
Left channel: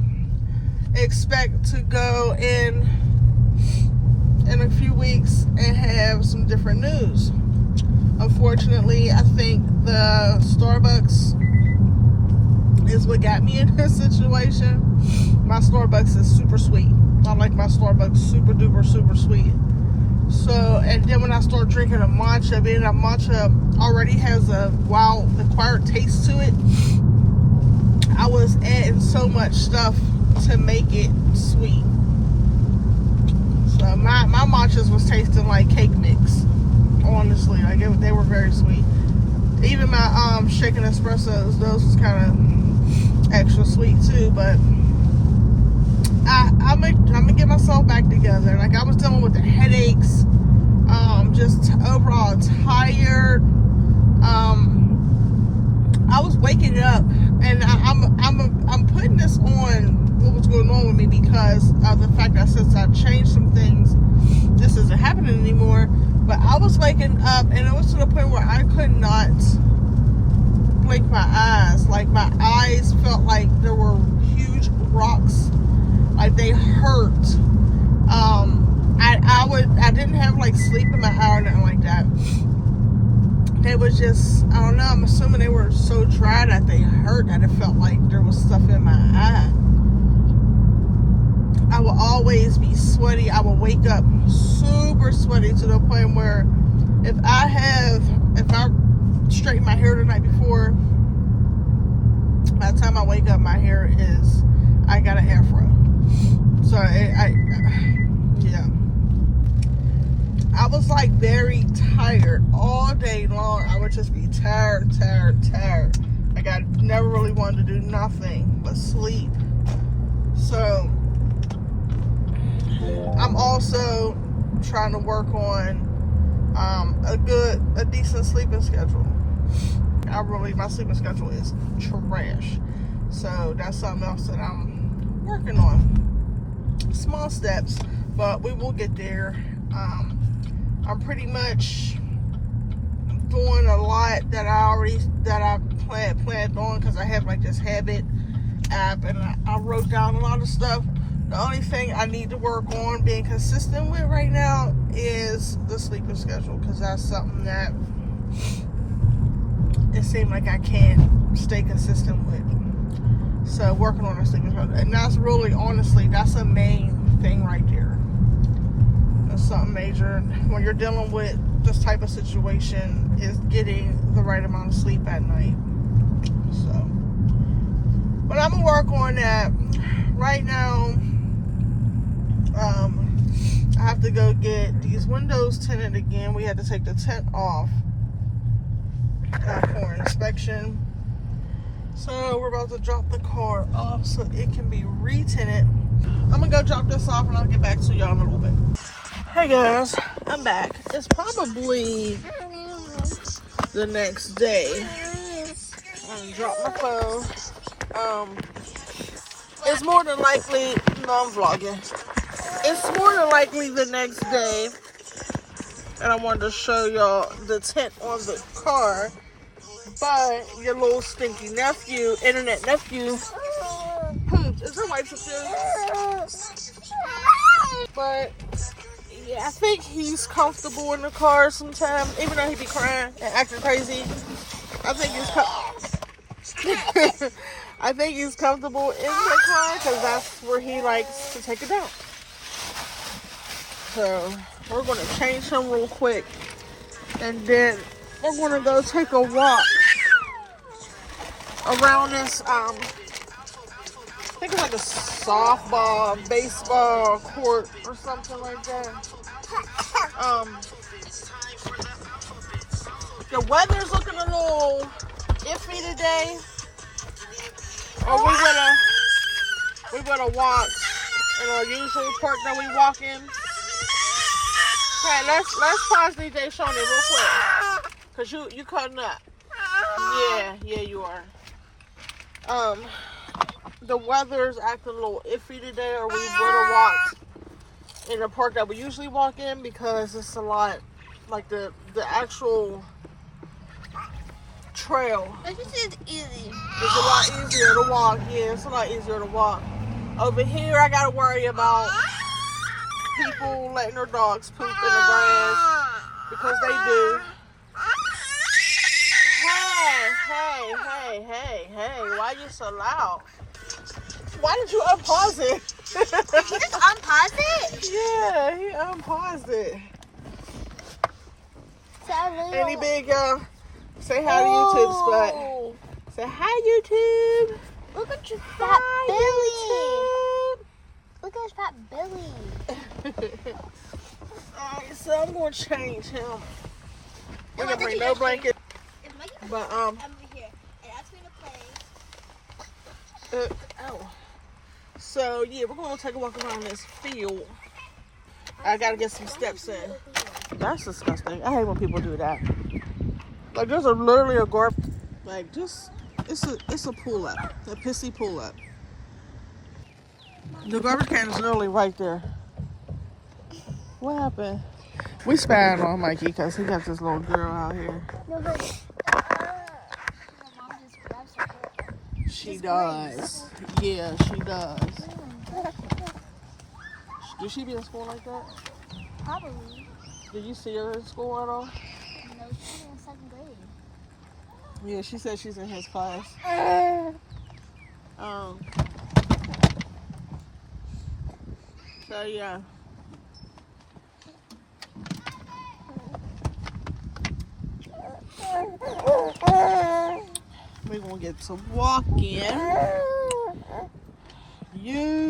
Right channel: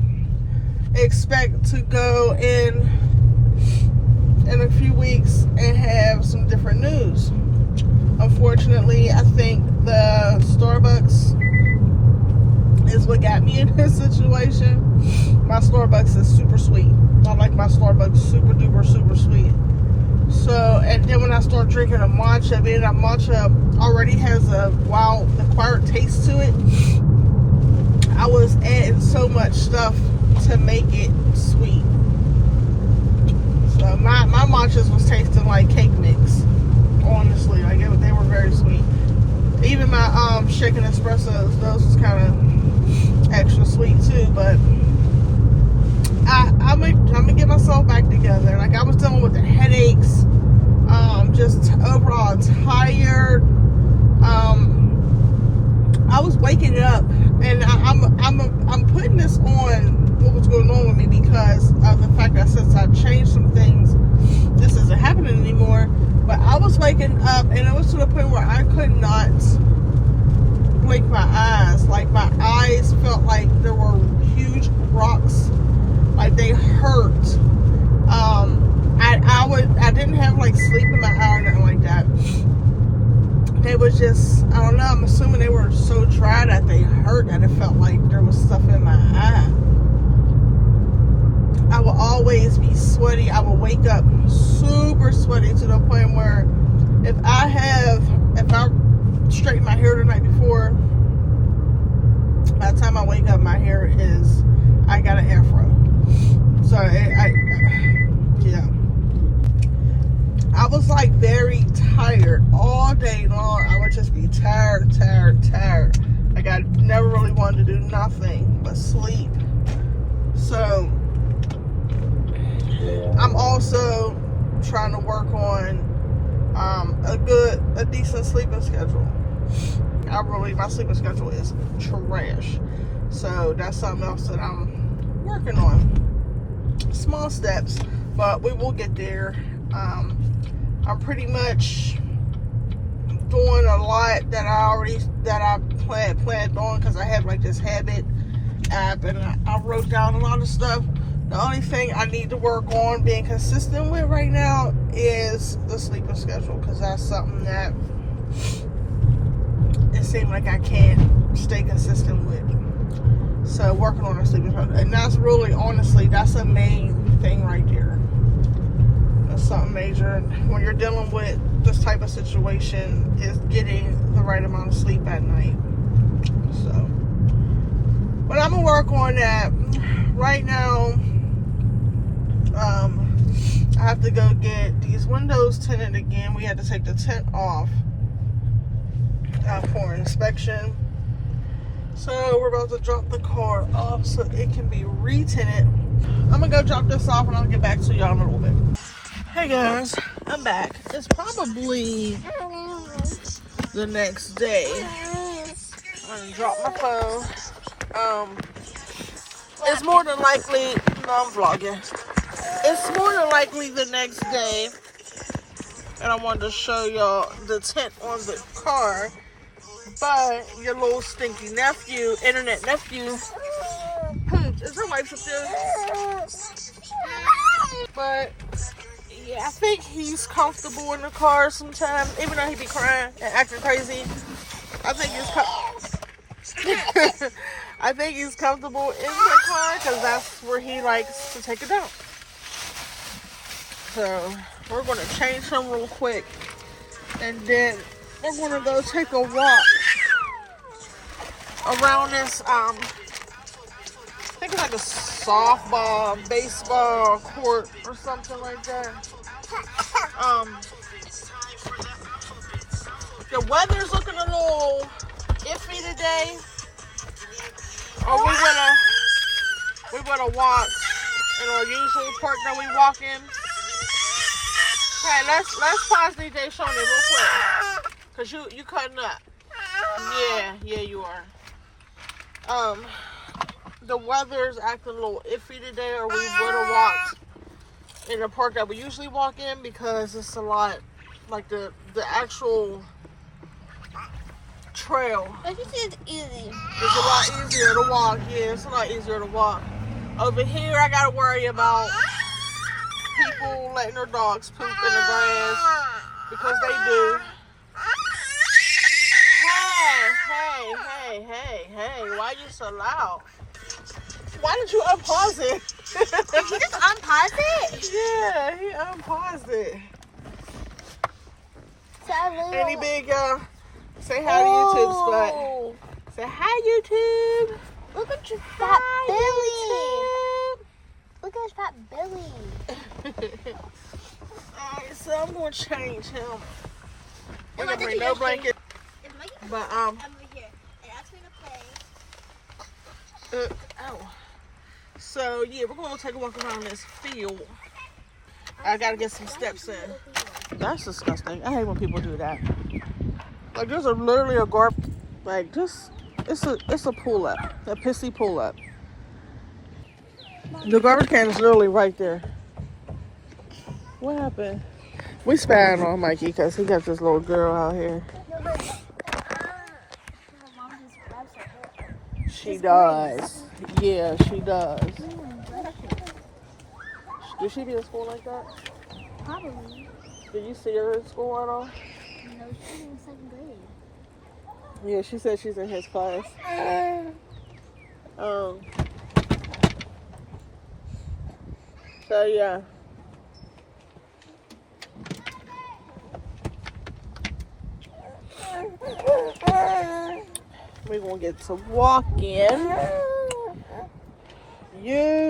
expect to go in a few weeks and have some different news. Unfortunately, I think the Starbucks is what got me in this situation. My Starbucks is super sweet. I like my Starbucks super duper super sweet. So, and then when I start drinking a matcha, being that matcha already has a wild, acquired taste to it, I was adding so much stuff to make it sweet. So my matchas was tasting like cake mix. Honestly, like they were very sweet. Even my shaken espressos, those was kind of extra sweet too. But I'm gonna get myself back together. Like I was dealing with the headaches, just overall tired. I was waking up, and I'm putting this on what was going on with me because of the fact that since I changed some things, this isn't happening anymore. But I was waking up, and it was to the point where I could not blink my eyes. Like my eyes felt like there were huge rocks, like they hurt. I didn't have like sleep in my eye or nothing like that. They was just, I don't know, I'm assuming they were so dry that they hurt, that it felt like there was stuff in my eye. I will always be sweaty. I will wake up super sweaty to the point where if I straighten my hair the night before, by the time I wake up, my hair is, I got an afro. So yeah. I was like very tired all day long. I would just be tired. Like I never really wanted to do nothing but sleep. So I'm also trying to work on a decent sleeping schedule. My sleeping schedule is trash. So that's something else that I'm working on. small steps, but we will get there. I'm pretty much doing a lot that I planned on, because I have like this habit app, and I wrote down a lot of stuff. The only thing I need to work on being consistent with right now is the sleeping schedule, because that's something that it seems like I can't stay consistent with. So working on the sleeping schedule, and that's really, honestly, that's a main thing right there. That's something major. And when you're dealing with this type of situation, is getting the right amount of sleep at night. So, but I'm gonna work on that. Right now, I have to go get these windows tinted again. We had to take the tint off for inspection. So we're about to drop the car off so it can be re-tinted. I'm gonna go drop this off and I'll get back to y'all in a little bit. Hey guys, I'm back. It's probably the next day. I'm gonna drop my phone. It's more than likely, no, I'm vlogging. It's more than likely the next day, and I wanted to show y'all the tint on the car. But your little stinky nephew, internet nephew, pooped. Is her wife up there? But yeah, I think he's comfortable in the car sometimes, even though he be crying and acting crazy. I think I think he's comfortable in the car because that's where he likes to take it out. So we're going to change him real quick, and then we're going to go take a walk around this, I think it's like a softball, baseball court or something like that. The weather's looking a little iffy today. Or we're gonna walk in our usual park that we walk in. Hey, let's pause DJ Shoney real quick, cause you cutting up. Yeah, you are. The weather's acting a little iffy today, or we would have walked in the park that we usually walk in, because it's a lot, like the actual trail. It's easy. It's a lot easier to walk. Yeah, it's a lot easier to walk. Over here, I gotta worry about people letting their dogs poop in the grass, because they do. Hey, why you so loud? Why did you unpause it? Did you just unpause it? Yeah, he unpaused it. Any big, say hi to YouTube, Spud. Say hi, YouTube. Look at your fat Hi, belly. Look at his fat belly. Alright, so I'm going to change him. We're going to bring no blanket. But, I'm right here. It asked me to play. So, yeah, we're going to take a walk around this field. I got to get some steps in. That's disgusting. I hate when people do that. Like, there's literally a garbage, like, just, it's a pull-up, a pissy pull-up. The garbage can is literally right there. What happened? We spying on Mikey because he got this little girl out here. She does. Yeah, she does. Did she be in school like that? Probably. Did you see her in school at all? No, she's in the 2nd grade. Yeah, she said she's in his class. So yeah. We're gonna get to walking.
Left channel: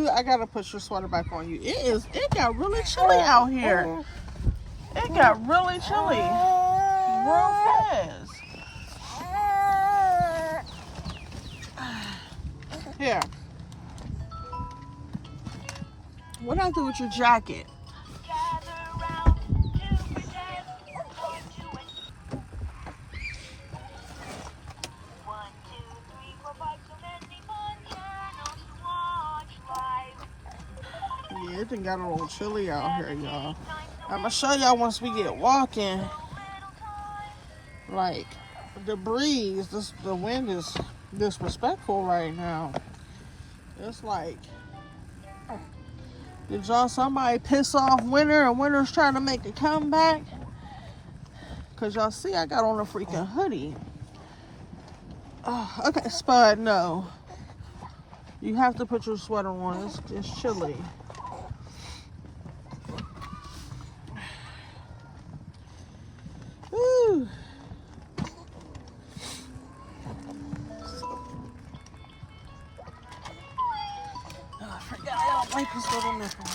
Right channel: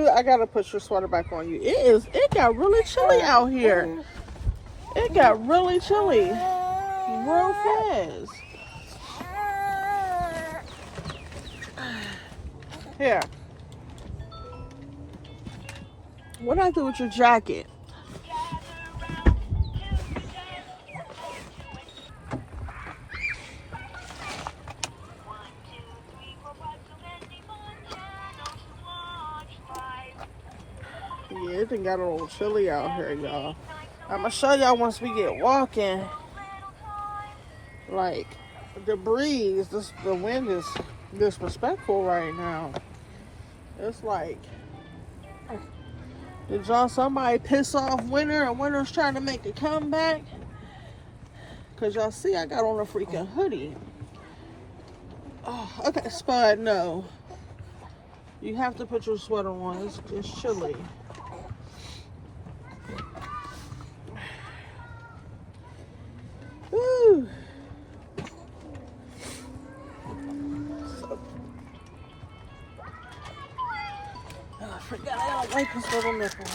I gotta put your sweater back on you. It got really chilly out here. It got really chilly. Real fast. Here. What I do with your jacket? Yeah, It got a little chilly out here, y'all. I'm gonna show y'all once we get walking. Like, the breeze, the wind is disrespectful right now. It's like, did y'all somebody piss off Winter and Winter's trying to make a comeback? Cause y'all see I got on a freaking hoodie. Okay, Spud, no. You have to put your sweater on. It's chilly. Woo. I forgot I don't like this little nipple.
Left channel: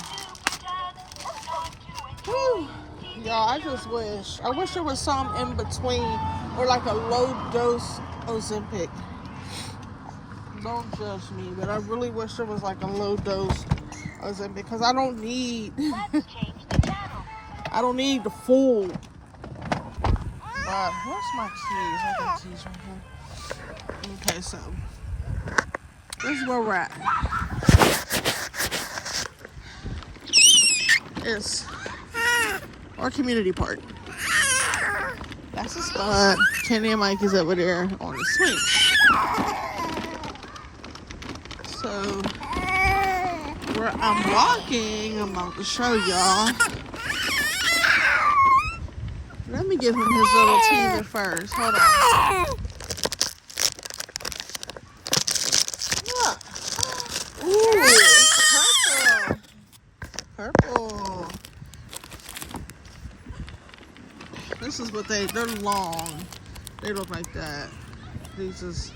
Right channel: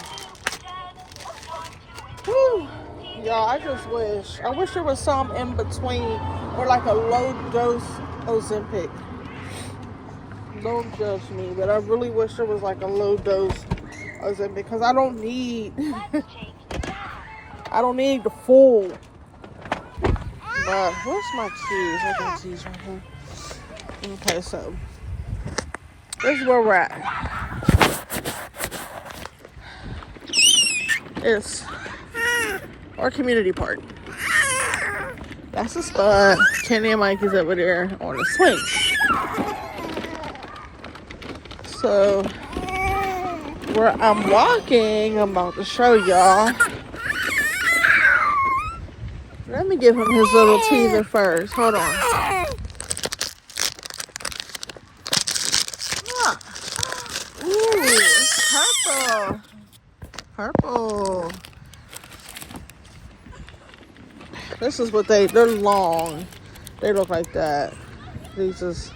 Woo. Y'all, I wish there was some in between, or like a low dose Ozempic. Don't judge me, but I really wish there was like a low dose Ozempic, because I don't need the full. But where's my keys? I got keys right here. Okay, so this is where we're at. It's our community park. That's the spot. Kenny and Mike is over there on the swing. So where I'm walking, I'm about to show y'all. Let me give him his little teaser first. Hold on. Ooh, purple. This is what they're long. They look like that. These is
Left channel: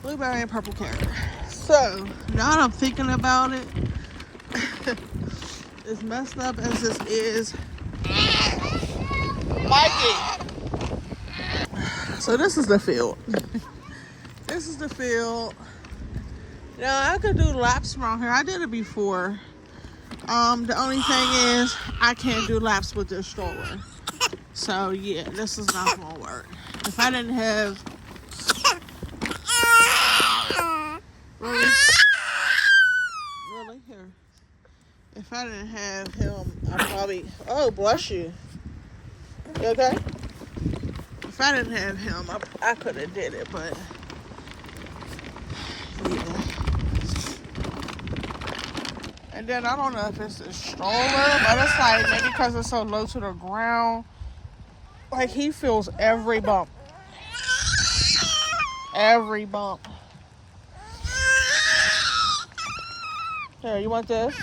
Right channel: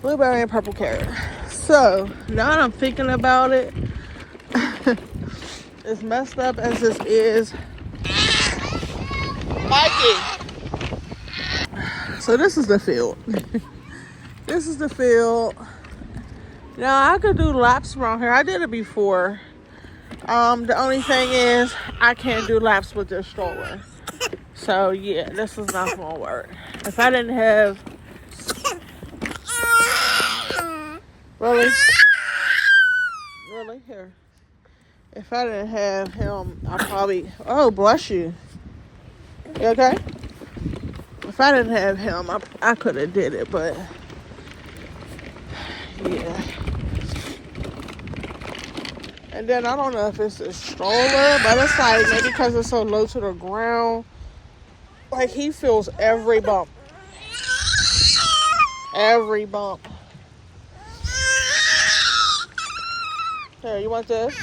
blueberry and purple carrot. So now that I'm thinking about it, as messed up as this is, Mikey. So this is the field. This is the field. Now I could do laps around here. I did it before. The only thing is I can't do laps with this stroller. So yeah, this is not gonna work. If I didn't have really here. If I didn't have him, I probably bless you. You okay? If I didn't have him, I could have did it, but yeah. And then I don't know if it's a stroller, but it's like maybe because it's so low to the ground, like he feels every bump. Every bump. Here, you want this?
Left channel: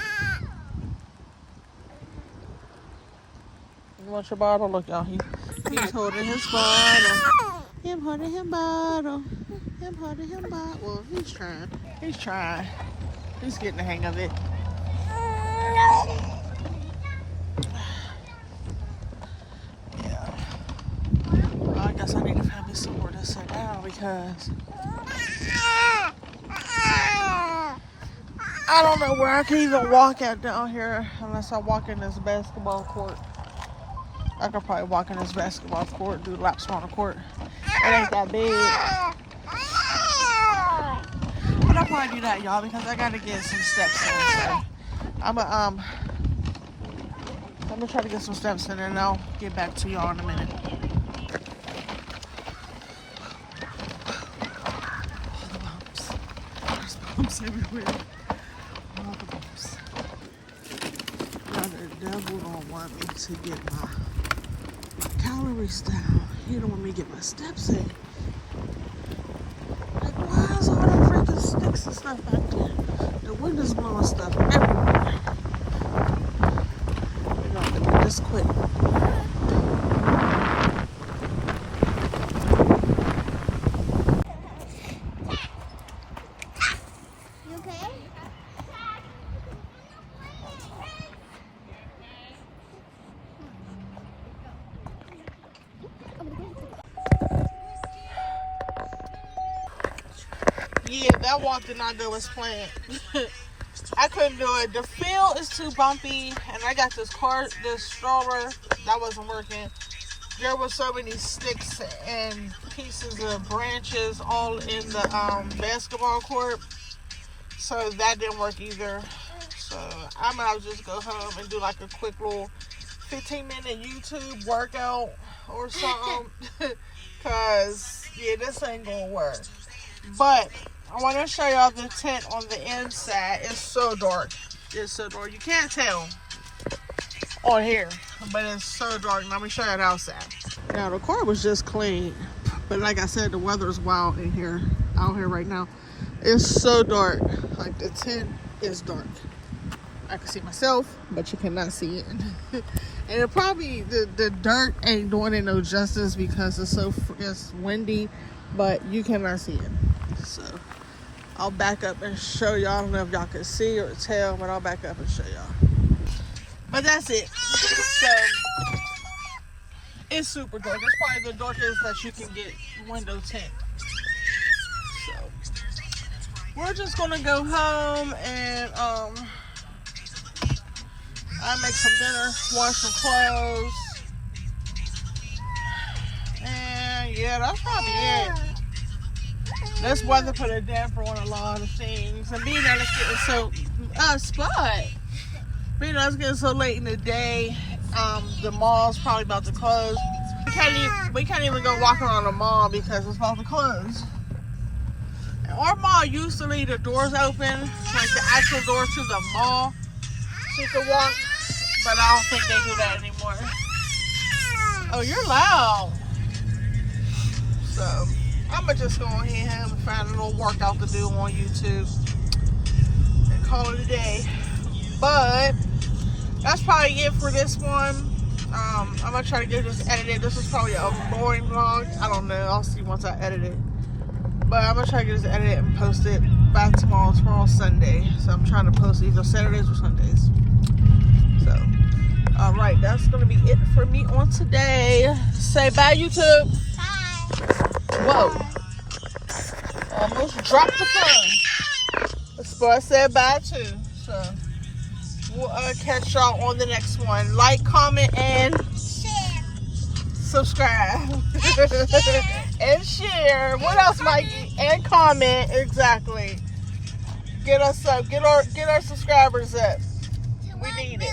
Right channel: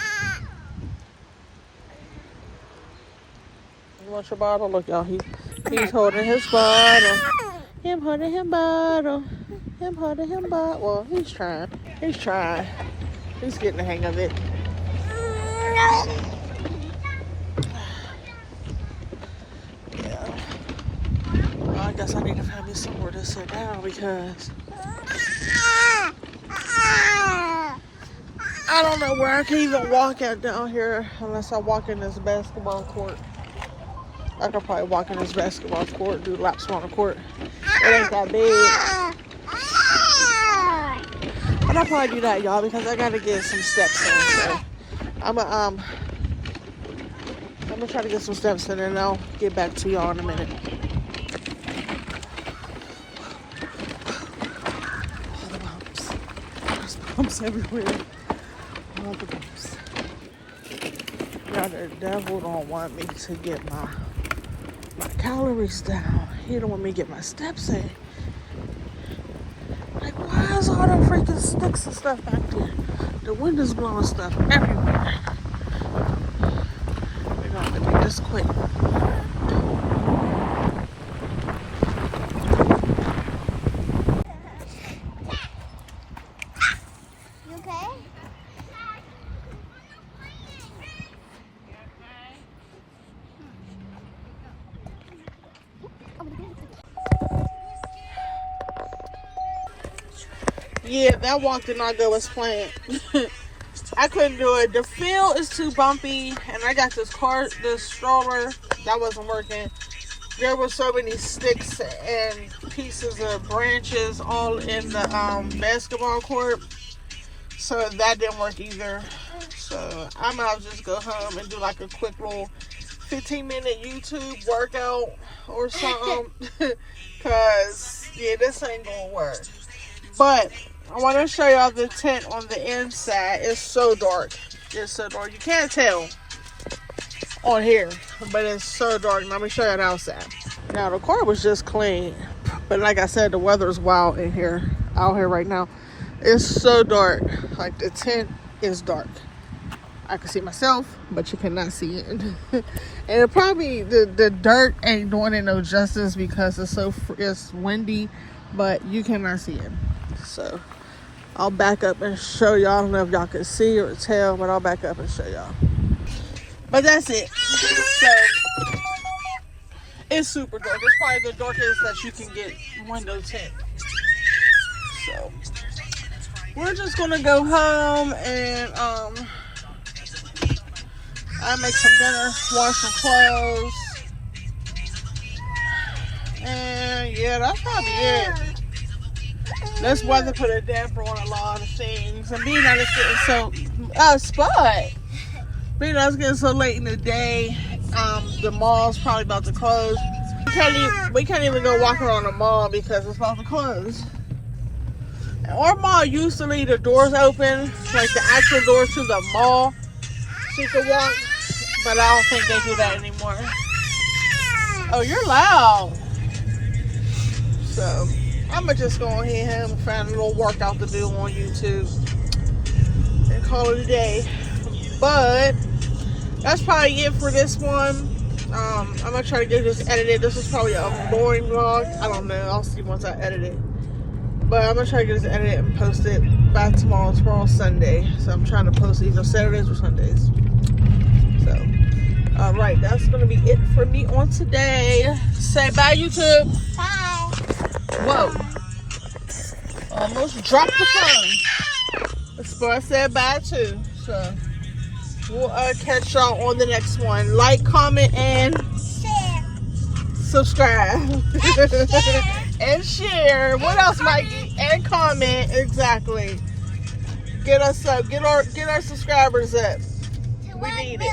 You want your bottle? Look, y'all, he's holding his bottle. Him holding him bottle. Him holding him bottle. Well, he's trying. He's trying. He's getting the hang of it. Yeah. Well, I guess I need to find me somewhere to sit down because I don't know where I can even walk at down here unless I walk in this basketball court. I could probably walk in this basketball court, do laps around the court. It ain't that big. But I'll probably do that, y'all, because I gotta get some steps in. So I'm gonna try to get some steps in and I'll get back to y'all in a minute. The bumps. There's bumps everywhere. All the bumps. Now the devil don't want me to get my calories down. He don't want me to get my steps in. Like, why is all them freaking sticks and stuff back there? The wind is blowing stuff everywhere. We're gonna do this quick. You okay? Yeah, that walk did not go as planned. I couldn't do it. The field is too bumpy, and I got this stroller that wasn't working. There were so many sticks and pieces of branches all in the basketball court, so that didn't work either. So I might just go home and do like a quick little 15-minute YouTube workout or something. Cause yeah, this ain't gonna work. But I want to show y'all the tent on the inside. It's so dark. It's so dark. You can't tell on here, but it's so dark. Let me show you the outside. Now the car was just clean, but like I said, the weather is wild in here, out here right now. It's so dark. Like the tent is dark. I can see myself, but you cannot see it. And it probably the dirt ain't doing it no justice because it's windy, but you cannot see it. So I'll back up and show y'all. I don't know if y'all can see or tell, but I'll back up and show y'all. But that's it. So it's super dark. It's probably the darkest that you can get window tint. So we're just gonna go home and I make some dinner, wash some clothes, and yeah, that's probably it. This weather put a damper on a lot of things, and being that it's getting being that it's getting so late in the day, the mall's probably about to close. We can't even go walking around the mall because it's about to close. Our mall used to leave the doors open, like the actual doors to the mall, so you could walk, but I don't think they do that anymore. Oh, you're loud. So I'm gonna just go on here and find a little workout to do on YouTube and call it a day. But that's probably it for this one. I'm gonna try to get this edited. This is probably a boring vlog. I don't know. I'll see once I edit it. But I'm gonna try to get this edited and post it by tomorrow. Tomorrow's Sunday, so I'm trying to post either Saturdays or Sundays. So, all right, that's gonna be it for me on today. Say bye, YouTube. Bye. Whoa! Almost dropped the phone. But I said bye too. So we'll catch y'all on the next one. Like, comment, and Share. subscribe. And share. And share. What else, Mikey? And comment. Exactly. Get us up. Get our subscribers up. We need it.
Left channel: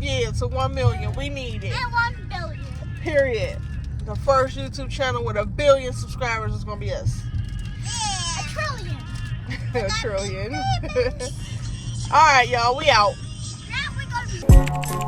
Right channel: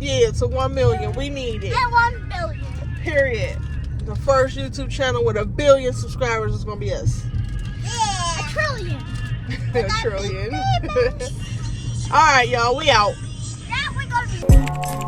Yeah, to 1 million. We need it. And 1 billion. Period. The first YouTube channel with 1 billion subscribers is gonna be us. Yeah. A trillion. A trillion. All right, y'all. We out. Now we're gonna be.